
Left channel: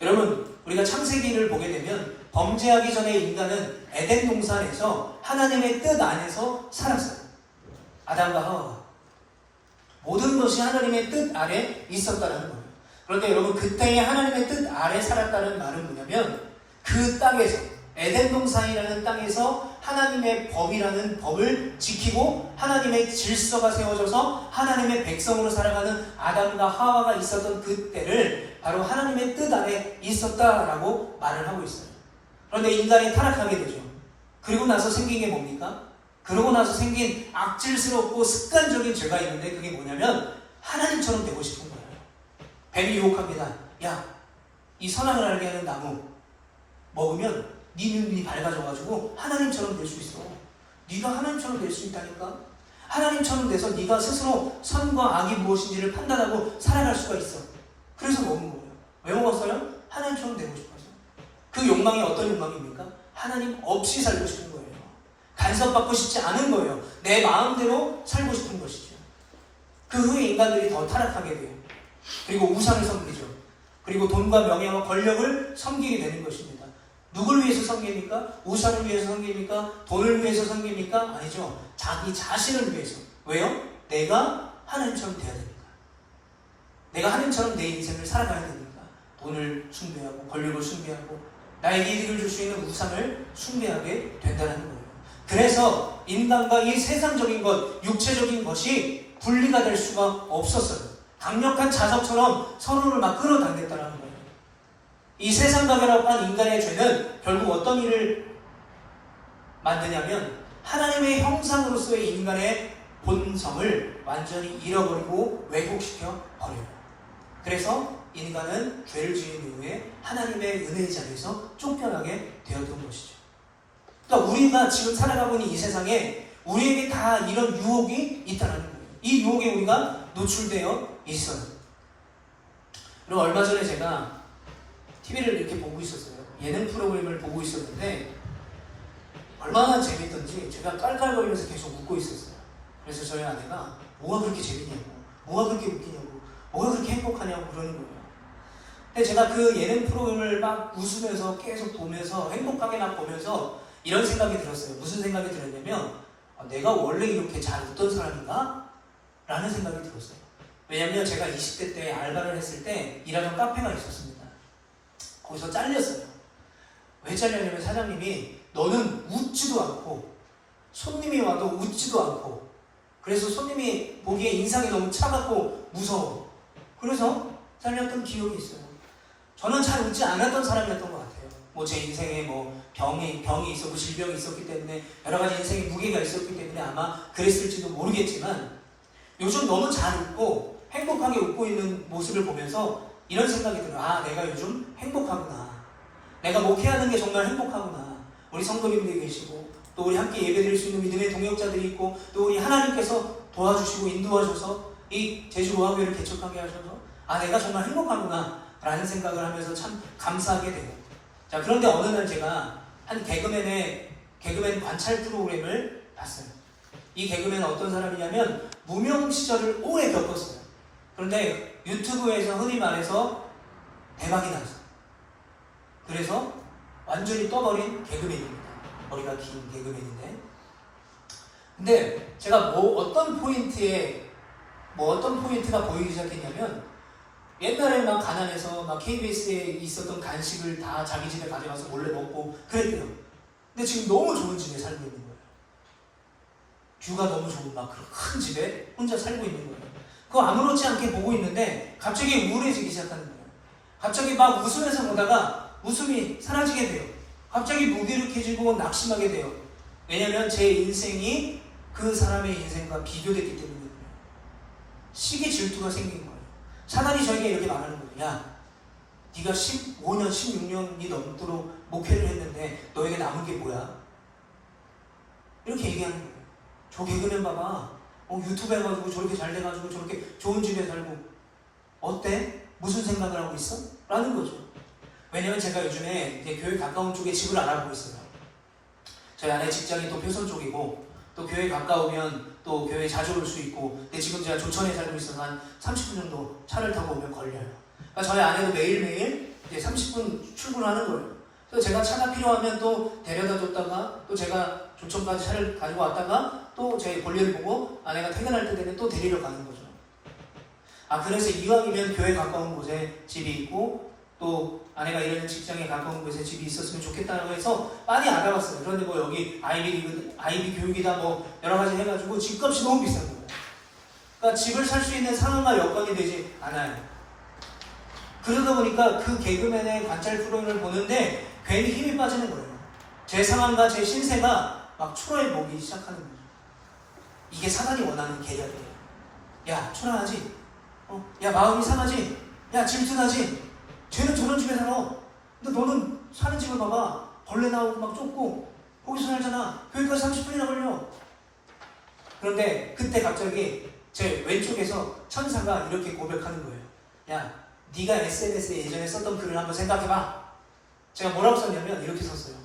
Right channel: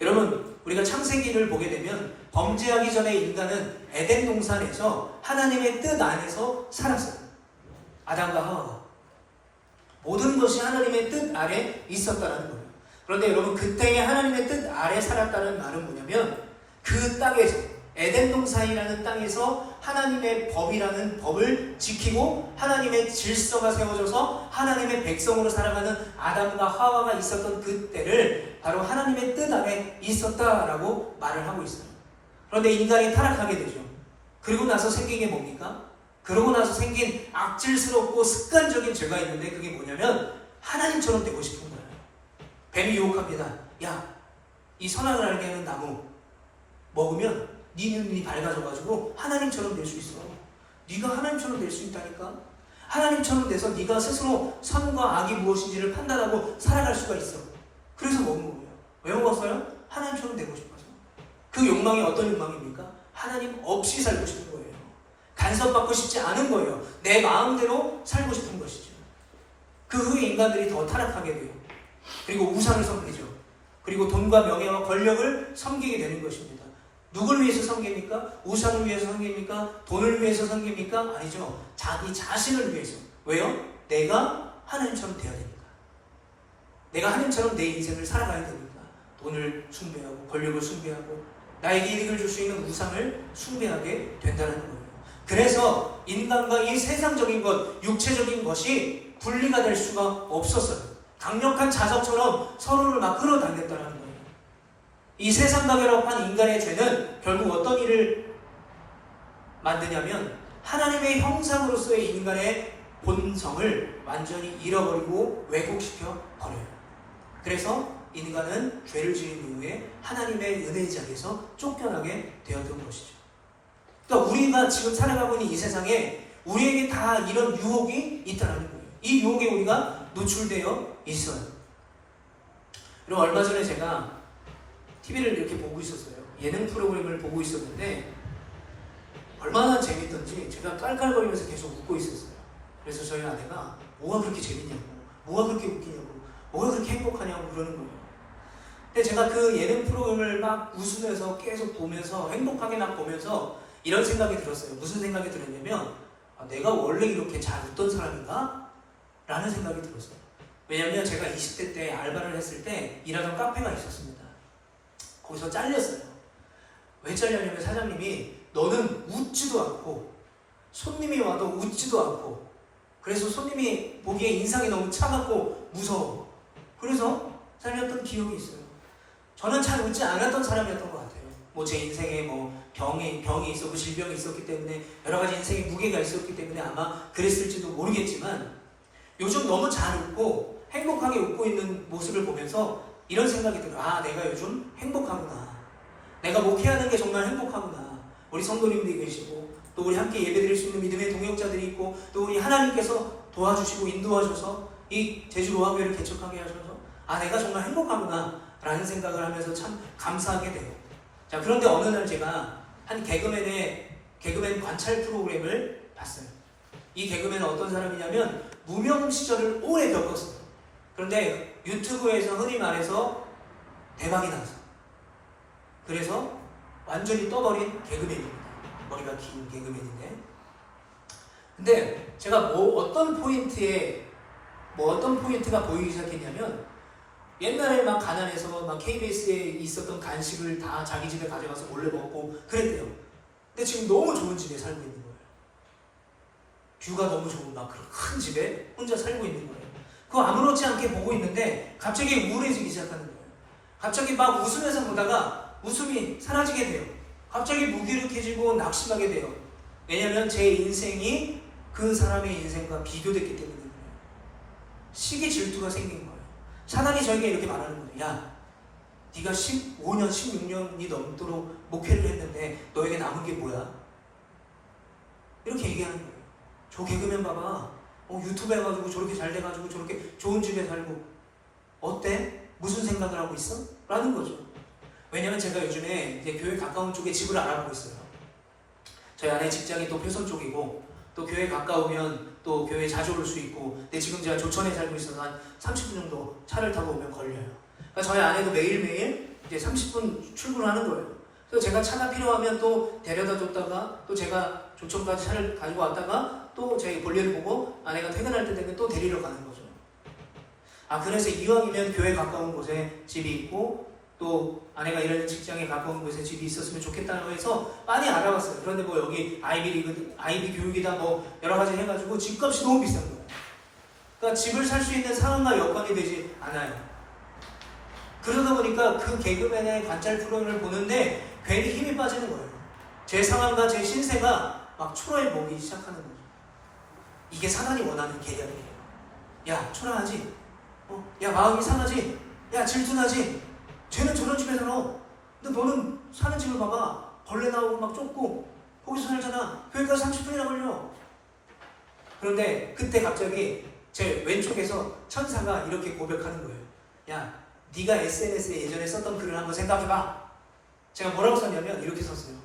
여러분, 우리가 창세기를 보게 되면 범죄하기 전에 인간은 에덴 동산에서 하나님의 뜻 안에서 살았어요. 아담과 하와가. 모든 것이 하나님의 뜻 아래 있었다는 거예요. 그런데 여러분, 그때의 하나님의 뜻 아래 살았다는 말은 뭐냐면 그 땅에서, 에덴 동산이라는 땅에서 하나님의 법이라는 법을 지키고 하나님의 질서가 세워져서 하나님의 백성으로 살아가는 아담과 하와가 있었던 그때를 바로 하나님의 뜻 안에 있었다라고 말을 하고 있어요. 그런데 인간이 타락하게 되죠. 그리고 나서 생긴 게 뭡니까? 그러고 나서 생긴 악질스럽고 습관적인 죄가 있는데 그게 뭐냐면 하나님처럼 되고 싶은 거예요. 뱀이 유혹합니다. 야, 이 선악을 알게 하는 나무 먹으면 네 눈이 밝아져가지고 하나님처럼 될 수 있어. 네가 하나님처럼 될 수 있다니까. 하나님처럼 돼서 네가 스스로 선과 악이 무엇인지를 판단하고 살아갈 수가 있어. 그래서 먹은 거예요. 왜 먹었어요? 하나님처럼 되고 싶어서. 그 욕망이 어떤 욕망입니까? 하나님 없이 살고 싶은 거예요. 간섭받고 싶지 않은 거예요. 내 마음대로 살고 싶은 것이죠. 그 후에 인간들이 더 타락하게 돼요. 그리고 우상을 섬기죠. 그리고 돈과 명예와 권력을 섬기게 되는 것입니다. 누굴 위해서 섬깁니까? 우상을 위해서 섬깁니까? 돈을 위해서 섬깁니까? 아니죠. 자기 자신을 위해서. 왜요? 내가 하나님처럼 돼야 되니까. 내가 하나님처럼 내 인생을 살아가야 되니까. 돈을 숭배하고 권력을 숭배하고 나에게 이득을 줄 수 있는 우상을 숭배하게 된다는 거예요. 그래서 인간과 이 세상적인 것, 육체적인 것이 분리가 될 수가 없었어요. 강력한 자석처럼 서로를 막 끌어당겼다는 거예요. 이 세상과 결합한 인간의 죄는 결국 어떤 일을 만드냐면 하나님의 형상으로서의 인간의 본성을 완전히 잃어버리고 왜곡시켜 버려요. 그래서 인간은 죄를 지은 이후에 하나님의 은혜장에서 쫓겨나게 되었던 것이죠. 그러니까 우리가 지금 살아가고 있는 이 세상에 우리에게 다 이런 유혹이 있다는 거예요. 이 유혹에 우리가 노출되어 있어요. 그리고 얼마 전에 제가 TV를 이렇게 보고 있었어요. 예능 프로그램을 보고 있었는데 얼마나 재밌던지 제가 깔깔거리면서 계속 웃고 있었어요. 그래서 저희 아내가 뭐가 그렇게 재밌냐고, 뭐가 그렇게 웃기냐고, 뭐가 그렇게 행복하냐고 그러는 거예요. 근데 제가 그 예능 프로그램을 막 웃으면서 계속 보면서 행복하게 막 보면서 이런 생각이 들었어요. 무슨 생각이 들었냐면 내가 원래 이렇게 잘 웃던 사람인가? 라는 생각이 들었어요. 왜냐면 제가 20대 때 알바를 했을 때 일하던 카페가 있었습니다. 거기서 잘렸어요. 왜 잘렸냐면 사장님이 너는 웃지도 않고 손님이 와도 웃지도 않고 그래서 손님이 보기에 인상이 너무 차갑고 무서워. 그래서 잘렸던 기억이 있어요. 저는 잘 웃지 않았던 사람이었던 것 같아요. 뭐 제 인생에 뭐 병이 있었고 질병이 있었기 때문에 여러 가지 인생의 무게가 있었기 때문에 아마 그랬을지도 모르겠지만 요즘 너무 잘 웃고 행복하게 웃고 있는 모습을 보면서 이런 생각이 들어요. 아, 내가 요즘 행복하구나. 내가 목회하는 게 정말 행복하구나. 우리 성도님들이 계시고 또 우리 함께 예배드릴 수 있는 믿음의 동역자들이 있고 또 우리 하나님께서 도와주시고 인도하셔서 이 제주 로하교회를 개척하게 하셔서 아, 내가 정말 행복하구나 라는 생각을 하면서 참 감사하게 돼요. 자, 그런데 어느 날 제가 한 개그맨 관찰 프로그램을 봤어요. 이 개그맨은 어떤 사람이냐면 무명 시절을 오래 겪었어요. 그런데 유튜브에서 흔히 말해서 대박이 나서 그래서 완전히 떠버린 개그맨입니다. 머리가 긴 개그맨인데 근데 제가 어떤 포인트가 보이기 시작했냐면 옛날에 막 가난해서 막 KBS에 있었던 간식을 다 자기 집에 가져가서 몰래 먹고 그랬대요. 근데 지금 너무 좋은 집에 살고 있는 거예요. 뷰가 너무 좋은 막 큰 집에 혼자 살고 있는 거예요. 그거 아무렇지 않게 보고 있는데 갑자기 우울해지기 시작하는 거예요. 갑자기 막 웃으면서 보다가 웃음이 사라지게 돼요. 갑자기 무기력해지고 낙심하게 돼요. 왜냐면 제 인생이 그 사람의 인생과 비교됐기 때문이에요. 시기 질투가 생긴 거예요. 사단이 저에게 이렇게 말하는 거예요. 야, 네가 15년, 16년이 넘도록 목회를 했는데 너에게 남은 게 뭐야? 이렇게 얘기하는 거예요. 저 개그맨 봐봐. 유튜브 해가지고 저렇게 잘 돼가지고 저렇게 좋은 집에 살고 어때? 무슨 생각을 하고 있어? 라는 거죠. 왜냐면 제가 요즘에 이제 교회 가까운 쪽에 집을 알아보고 있어요. 저희 아내 직장이 또 표선 쪽이고 또 교회 가까우면 또 교회 자주 올 수 있고 근데 지금 제가 조천에 살고 있어서 한 30분 정도 차를 타고 오면 걸려요. 그러니까 저희 아내도 매일매일 이제 30분 출근하는 거예요. 그래서 제가 차가 필요하면 또 데려다 줬다가 또 제가 조천까지 차를 가지고 왔다가 또 제 볼일을 보고 아내가 퇴근할 때 되면 또 데리러 가는 거죠. 그래서 이왕이면 교회 가까운 곳에 집이 있고 또 아내가 일하는 직장에 가까운 곳에 집이 있었으면 좋겠다고 해서 많이 알아봤어요. 그런데 뭐 여기 아이비 교육이다 뭐 여러 가지 해가지고 집값이 너무 비싼 거예요. 그러니까 집을 살 수 있는 상황과 여건이 되지 않아요. 그러다 보니까 그 개그맨의 관찰 프로그램을 보는데 괜히 힘이 빠지는 거예요. 제 상황과 제 신세가 막 초라해 보기 시작하는 거죠. 이게 사단이 원하는 계략이에요. 야, 초라하지? 야, 마음이 상하지? 야, 질투나지? 쟤는 저런 집에 살아. 근데 너는 사는 집을 봐봐. 벌레 나오고 막 좁고 거기서 살잖아. 거기까지 30분이나 걸려. 그런데 그때 갑자기 제 왼쪽에서 천사가 이렇게 고백하는 거예요. 야, 네가 SNS에 예전에 썼던 글을 한번 생각해봐. 제가 뭐라고 썼냐면 이렇게 썼어요.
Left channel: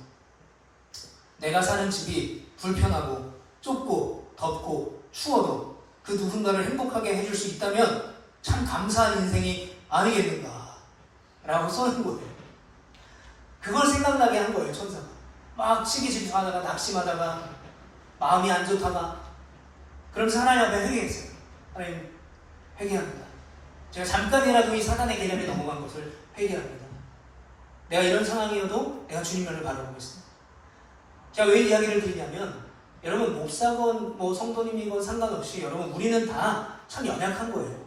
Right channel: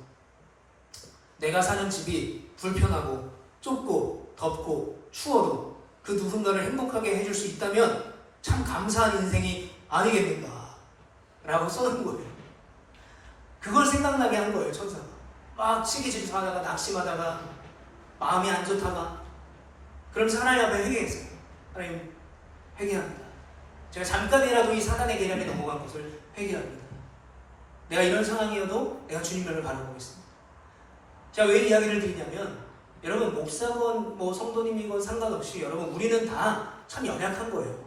내가 사는 집이 불편하고 좁고 덥고 추워도 그 누군가를 행복하게 해줄 수 있다면 참 감사한 인생이 아니겠는가 라고 써는 거예요. 그걸 생각나게 한 거예요. 천사가 막 시기질투하다가 낙심하다가 마음이 안 좋다가 그러면서 하나님 앞에 회개했어요. 하나님, 회개합니다. 제가 잠깐이라도 이 사단의 계략에 넘어간 것을 회개합니다. 내가 이런 상황이어도 내가 주님을 바라보겠습니다. 제가 왜 이야기를 드리냐면 여러분, 목사건 뭐 성도님이건 상관없이 여러분, 우리는 다 참 연약한 거예요.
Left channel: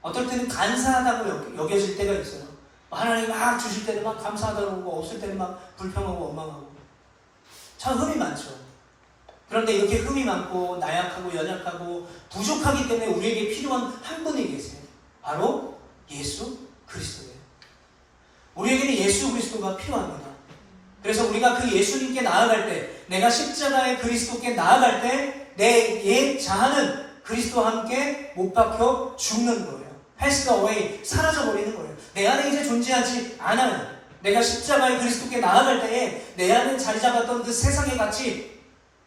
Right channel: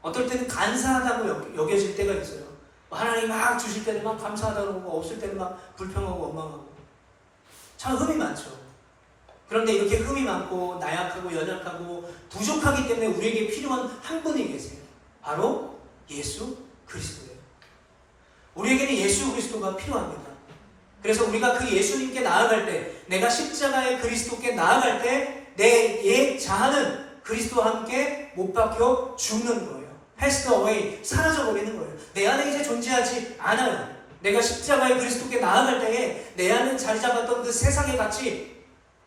어떨 때는 간사하다고 여겨질 때가 있어요. 하나님 막 주실 때는 막 감사하다고 하고 없을 때는 막 불평하고 원망하고 참 흠이 많죠. 그런데 이렇게 흠이 많고 나약하고 연약하고 부족하기 때문에 우리에게 필요한 한 분이 계세요. 바로 예수 그리스도예요. 우리에게는 예수 그리스도가 필요합니다. 그래서 우리가 그 예수님께 나아갈 때, 내가 십자가의 그리스도께 나아갈 때 내 옛 자아는 그리스도와 함께 못 박혀 죽는 거예요. passed away, 사라져버리는 거예요. 내 안에 이제 존재하지 않아요. 내가 십자가의 그리스도께 나아갈 때에 내 안에 자리 잡았던 그 세상의 가치,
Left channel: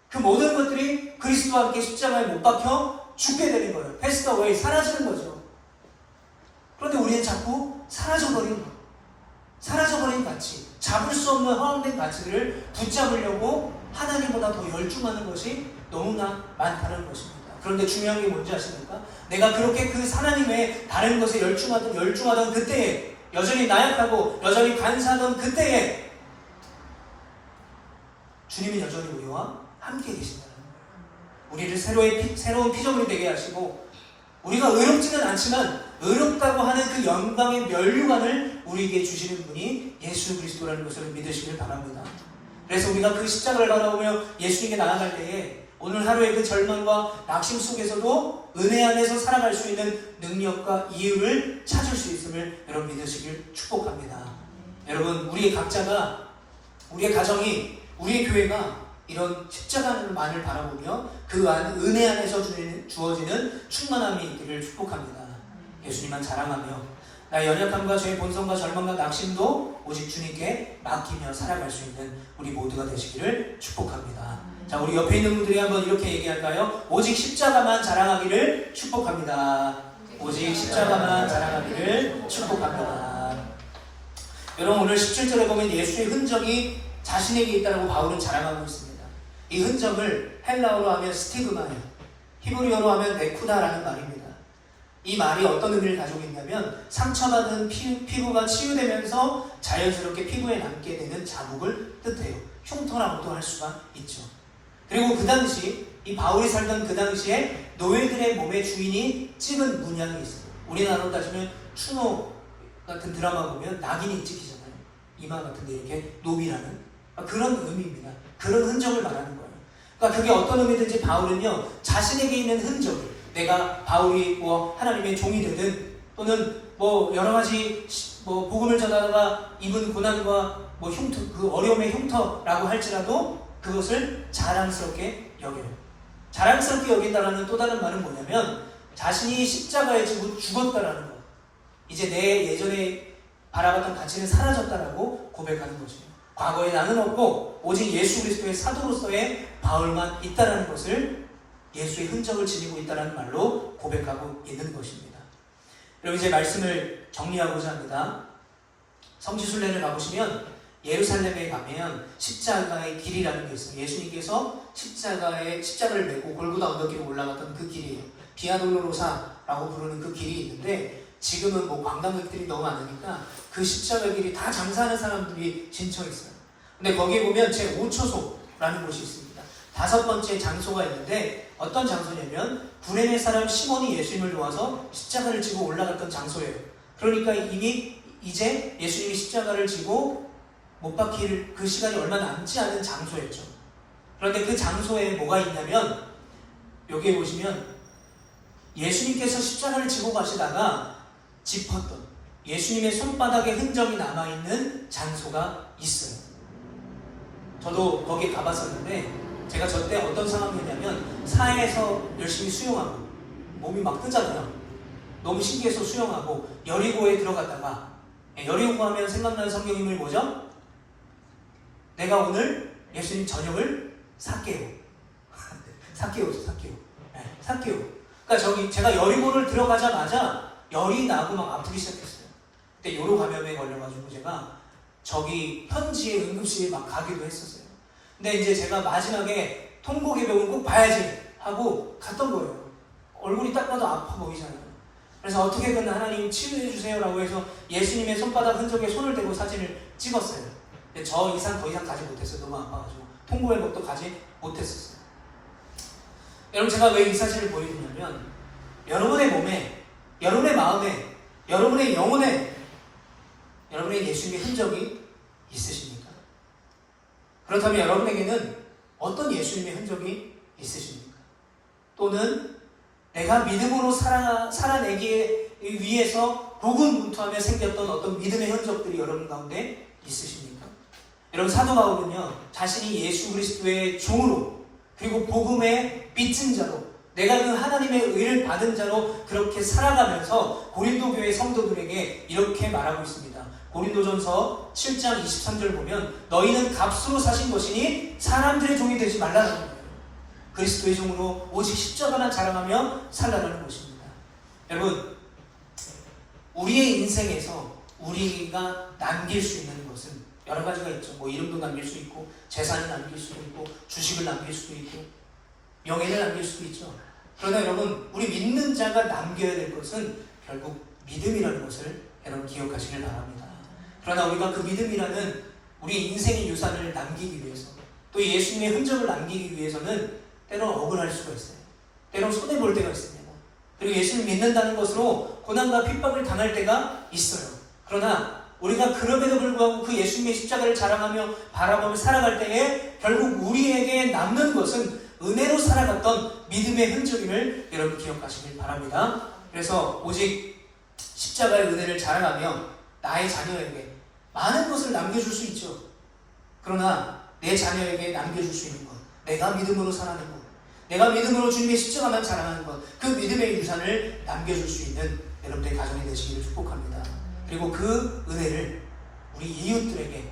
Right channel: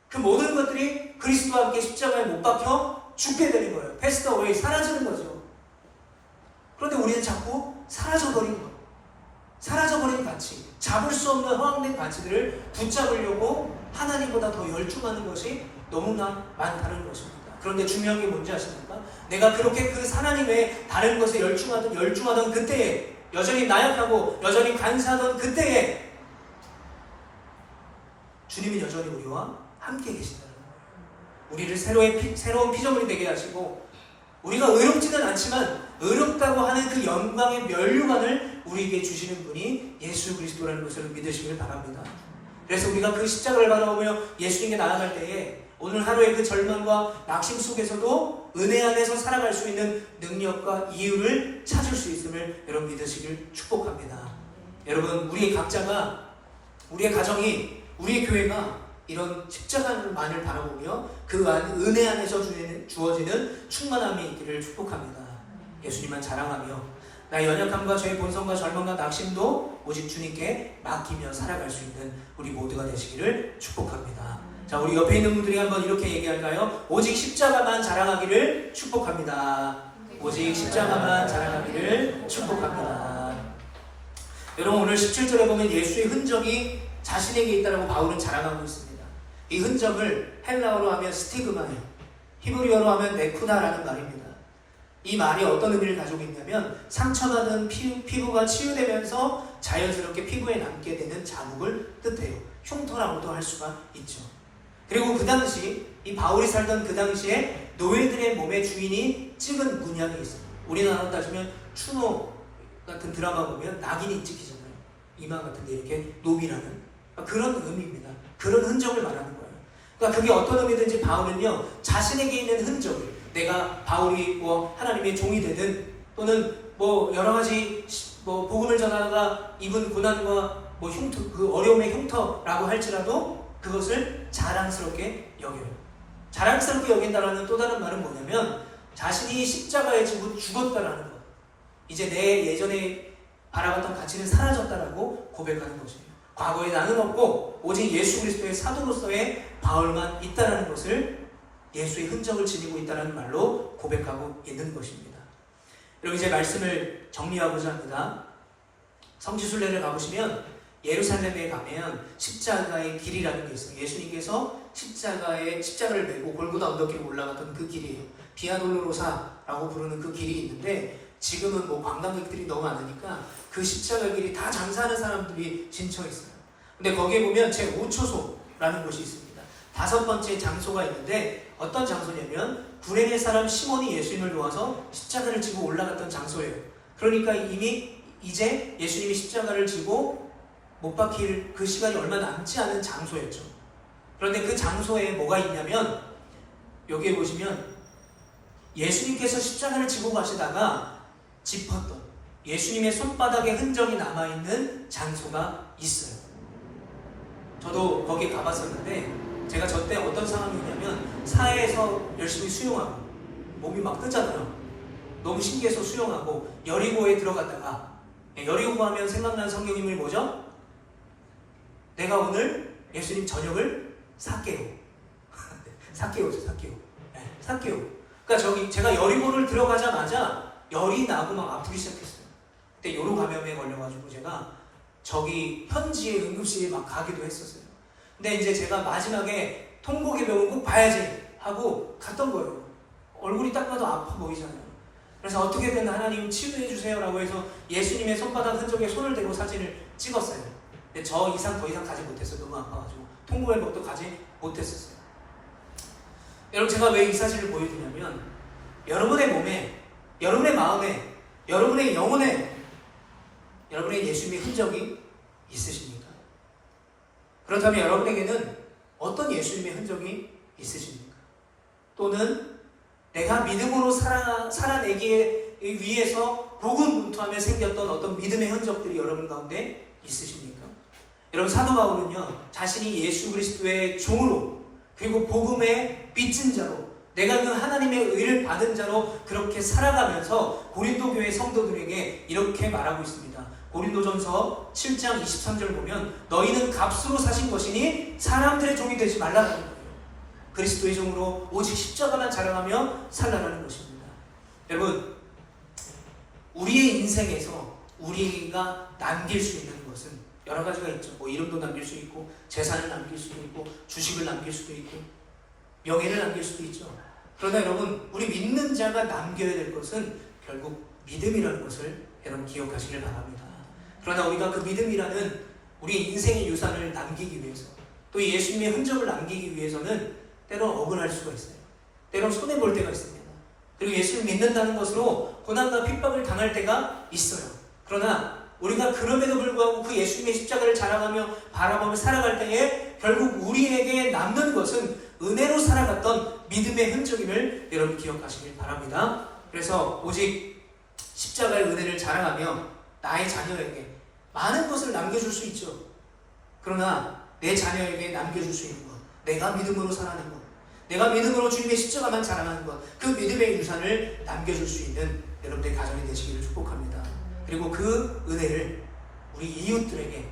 그 모든 것들이 그리스도와 함께 십자가에 못 박혀 죽게 되는 거예요. passed away, 사라지는 거죠. 그런데 우리는 자꾸 사라져버린 거예요. 사라져버린 가치, 잡을 수 없는 허황된 가치들을 붙잡으려고 하나님보다 더 열중하는 것이 너무나 많다는 것입니다. 그런데 중요한 게 뭔지 아십니까? 내가 그렇게 그 하나님의 다른 것에 열중하던 그때에, 여전히 나약하고 여전히 간사하던 그때에 주님은 여전히 우리와 함께 계신다는 거예요. 우리를 새로운 피조물이 되게 하시고, 우리가 의롭지는 않지만 의롭다고 하는 그 영광의 면류관을 우리에게 주시는 분이 예수 그리스도라는 것을 믿으시길 바랍니다. 그래서 우리가 그 십자가를 바라보며 예수님께 나아갈 때에 오늘 하루의 그 절망과 낙심 속에서도 은혜 안에서 살아갈 수 있는 능력과 이유를 찾을 수 있음을 여러분 믿으시길 축복합니다. 여러분, 우리 각자가, 우리의 가정이, 우리의 교회가 이런 십자가만을 바라보며 그 안 은혜 안에서 주어지는 충만함이 있기를 축복합니다. 예수님만 자랑하며 나의 연약함과 저의 본성과 절망과 낙심도 오직 주님께 맡기며 살아갈 수 있는 우리 모두가 되시기를 축복합니다. 자, 우리 옆에 있는 분들이 한번 이렇게 얘기할까요? 오직 십자가만 자랑하기를 축복합니다. 오직 십자가만 자랑하기를 축복합니다. 여러분, 오늘 17절에 보면 예수의 흔적이 자신에게 있다고 바울은 자랑하고 있습니다. 이 흔적을 헬라어로 하면 스티그마예요. 히브리어로 하면 네쿠다라는 말입니다. 이 말이 어떤 의미를 가지고 있냐면 상처받은 피부가 치유되면서 자연스럽게 피부에 남게 되는 자국을 뜻해요. 흉터라고도 할 수가 있죠. 그리고 그 당시, 이 바울이 살던 그 당시에 노예들의 몸에 주인이 찍은 문양이 있어요. 우리나라로 따지면 추노 같은 드라마 보면 낙인이 찍히잖아요. 이마 같은데 이렇게 노비라는 그런 의미입니다. 그런 흔적을 말하는 거예요. 그러니까 그게 어떤 의미든지 바울은요, 자신에게 있는 흔적을, 내가 바울이 뭐 하나님의 종이 되든 또는 뭐 여러 가지 뭐 복음을 전하다가 입은 고난과 뭐 흉터, 그 어려움의 흉터라고 할지라도 그것을 자랑스럽게 여겨요. 자랑스럽게 여긴다라는 또 다른 말은 뭐냐면 자신이 십자가에 죽었다라는 것. 이제 내 예전에 바라봤던 가치는 사라졌다라고 고백하는 것입니다. 과거에 나는 없고 오직 예수 그리스도의 사도로서의 바울만 있다라는 것을, 예수의 흔적을 지니고 있다는 말로 고백하고 있는 것입니다. 여러분, 이제 말씀을 정리하고자 합니다. 성지순례를 가보시면 예루살렘에 가면 십자가의 길이라는 게 있어요. 예수님께서 십자가를 메고 골고다 언덕길에 올라갔던 그 길이에요. 비아 돌로로사라고 부르는 그 길이 있는데, 지금은 뭐 관광객들이 너무 많으니까 그 십자가 길이 다 장사하는 사람들이 진청했어요. 근데 거기에 보면 제5초소라는 곳이 있습니다. 5번째 장소가 있는데, 어떤 장소냐면 구레네 사람 시몬이 예수님을 도와서 십자가를 지고 올라갔던 장소예요. 그러니까 이미 이제 예수님이 십자가를 지고 못 박힐 그 시간이 얼마 남지 않은 장소였죠. 그런데 그 장소에 뭐가 있냐면, 여기에 보시면 예수님께서 십자가를 지고 가시다가 짚었던 예수님의 손바닥에 흔적이 남아있는 장소가 있어요. 저도 거기에 가봤었는데, 제가 저때 어떤 상황이냐면 사해에서 열심히 수영하고 몸이 막 뜨잖아요. 너무 신기해서 수영하고 여리고에 들어갔다가, 여리고 하면 생각나는 성경인물이 뭐죠? 내가 오늘 예수님 저녁을 삭개요. 삭개요죠, 삭개요. 네, 삭개요. 그러니까 제가 여리고를 들어가자마자 열이 나고 막 아프기 시작했어요. 그때 요로 감염에 걸려가지고 제가 저기 현지의 응급실에 막 가기도 했었어요. 근데 이제 제가 마지막에 통곡의 꼭 봐야지 하고 갔던 거예요. 얼굴이 딱 봐도 아파 보이잖아요. 그래서 어떻게든 하나님 치유해 주세요라고 해서 예수님의 손바닥 흔적에 손을 대고 사진을 찍었어요. 근데 저 이상 더 이상 가지 못했어요. 너무 아파가지고 통곡회복도 가지 못했었어요. 여러분, 제가 왜 이 사진을 보여주냐면, 여러분의 몸에, 여러분의 마음에, 여러분의 영혼에 여러분의 예수님의 흔적이 있으십니까? 그렇다면 여러분에게는 어떤 예수님의 흔적이 있으십니까? 또는 내가 믿음으로 살아내기 위해서 고군분투하며 생겼던 어떤 믿음의 흔적들이 여러분 가운데 있으십니까? 여러분, 사도 바울은요, 자신이 예수 그리스도의 종으로, 그리고 복음의 빚진 자로, 내가 그 하나님의 의를 받은 자로 그렇게 살아가면서 고린도 교회 성도들에게 이렇게 말하고 있습니다. 고린도전서 7장 23절 보면, 너희는 값으로 사신 것이니 사람들의 종이 되지 말라는 거예요. 그리스도의 종으로 오직 십자가만 자랑하며 살라는 것입니다. 여러분, 우리의 인생에서 우리가 남길 수 있는 것은 여러 가지가 있죠. 뭐 이름도 남길 수 있고, 재산을 남길 수도 있고, 주식을 남길 수도 있고, 명예를 남길 수도 있죠. 그러나 여러분, 우리 믿는 자가 남겨야 될 것은 결국 믿음이라는 것을 여러분 기억하시길 바랍니다. 그러나 우리가 그 믿음이라는 우리 인생의 유산을 남기기 위해서, 또 예수님의 흔적을 남기기 위해서는 때로 어긋날 수가 있어요. 때로 손해볼 때가 있습니다. 그리고 예수를 믿는다는 것으로 고난과 핍박을 당할 때가 있어요. 그러나 우리가 그럼에도 불구하고 그 예수님의 십자가를 자랑하며 바라보며 살아갈 때에 결국 우리에게 남는 것은 은혜로 살아갔던 믿음의 흔적임을 여러분 기억하시길 바랍니다. 그래서 오직 십자가의 은혜를 자랑하며 나의 자녀에게 많은 것을 남겨줄 수 있죠. 그러나 내 자녀에게 남겨줄 수 있는 것, 내가 믿음으로 살아가는 것, 내가 믿음으로 주님의 십자가만 자랑하는 것, 그 믿음의 유산을 남겨줄 수 있는 여러분들의 가정이 되시기를 축복합니다. 그리고 그 은혜를 우리 이웃들에게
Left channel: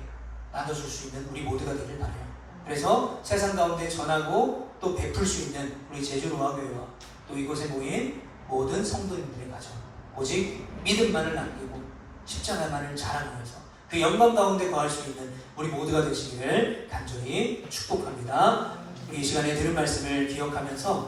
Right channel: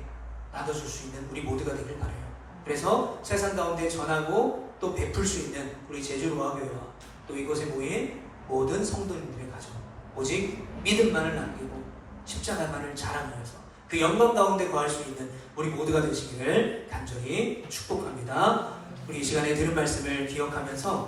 나눠줄 수 있는 우리 모두가 되길 바라요. 그래서 세상 가운데 전하고 또 베풀 수 있는 우리 제주로아교회와 또 이곳에 모인 모든 성도님들의 가정, 오직 믿음만을 남기고 십자가만을 자랑하면서 그 영광 가운데 거할 수 있는 우리 모두가 되시기를 간절히 축복합니다. 우리 이 시간에 들은 말씀을 기억하면서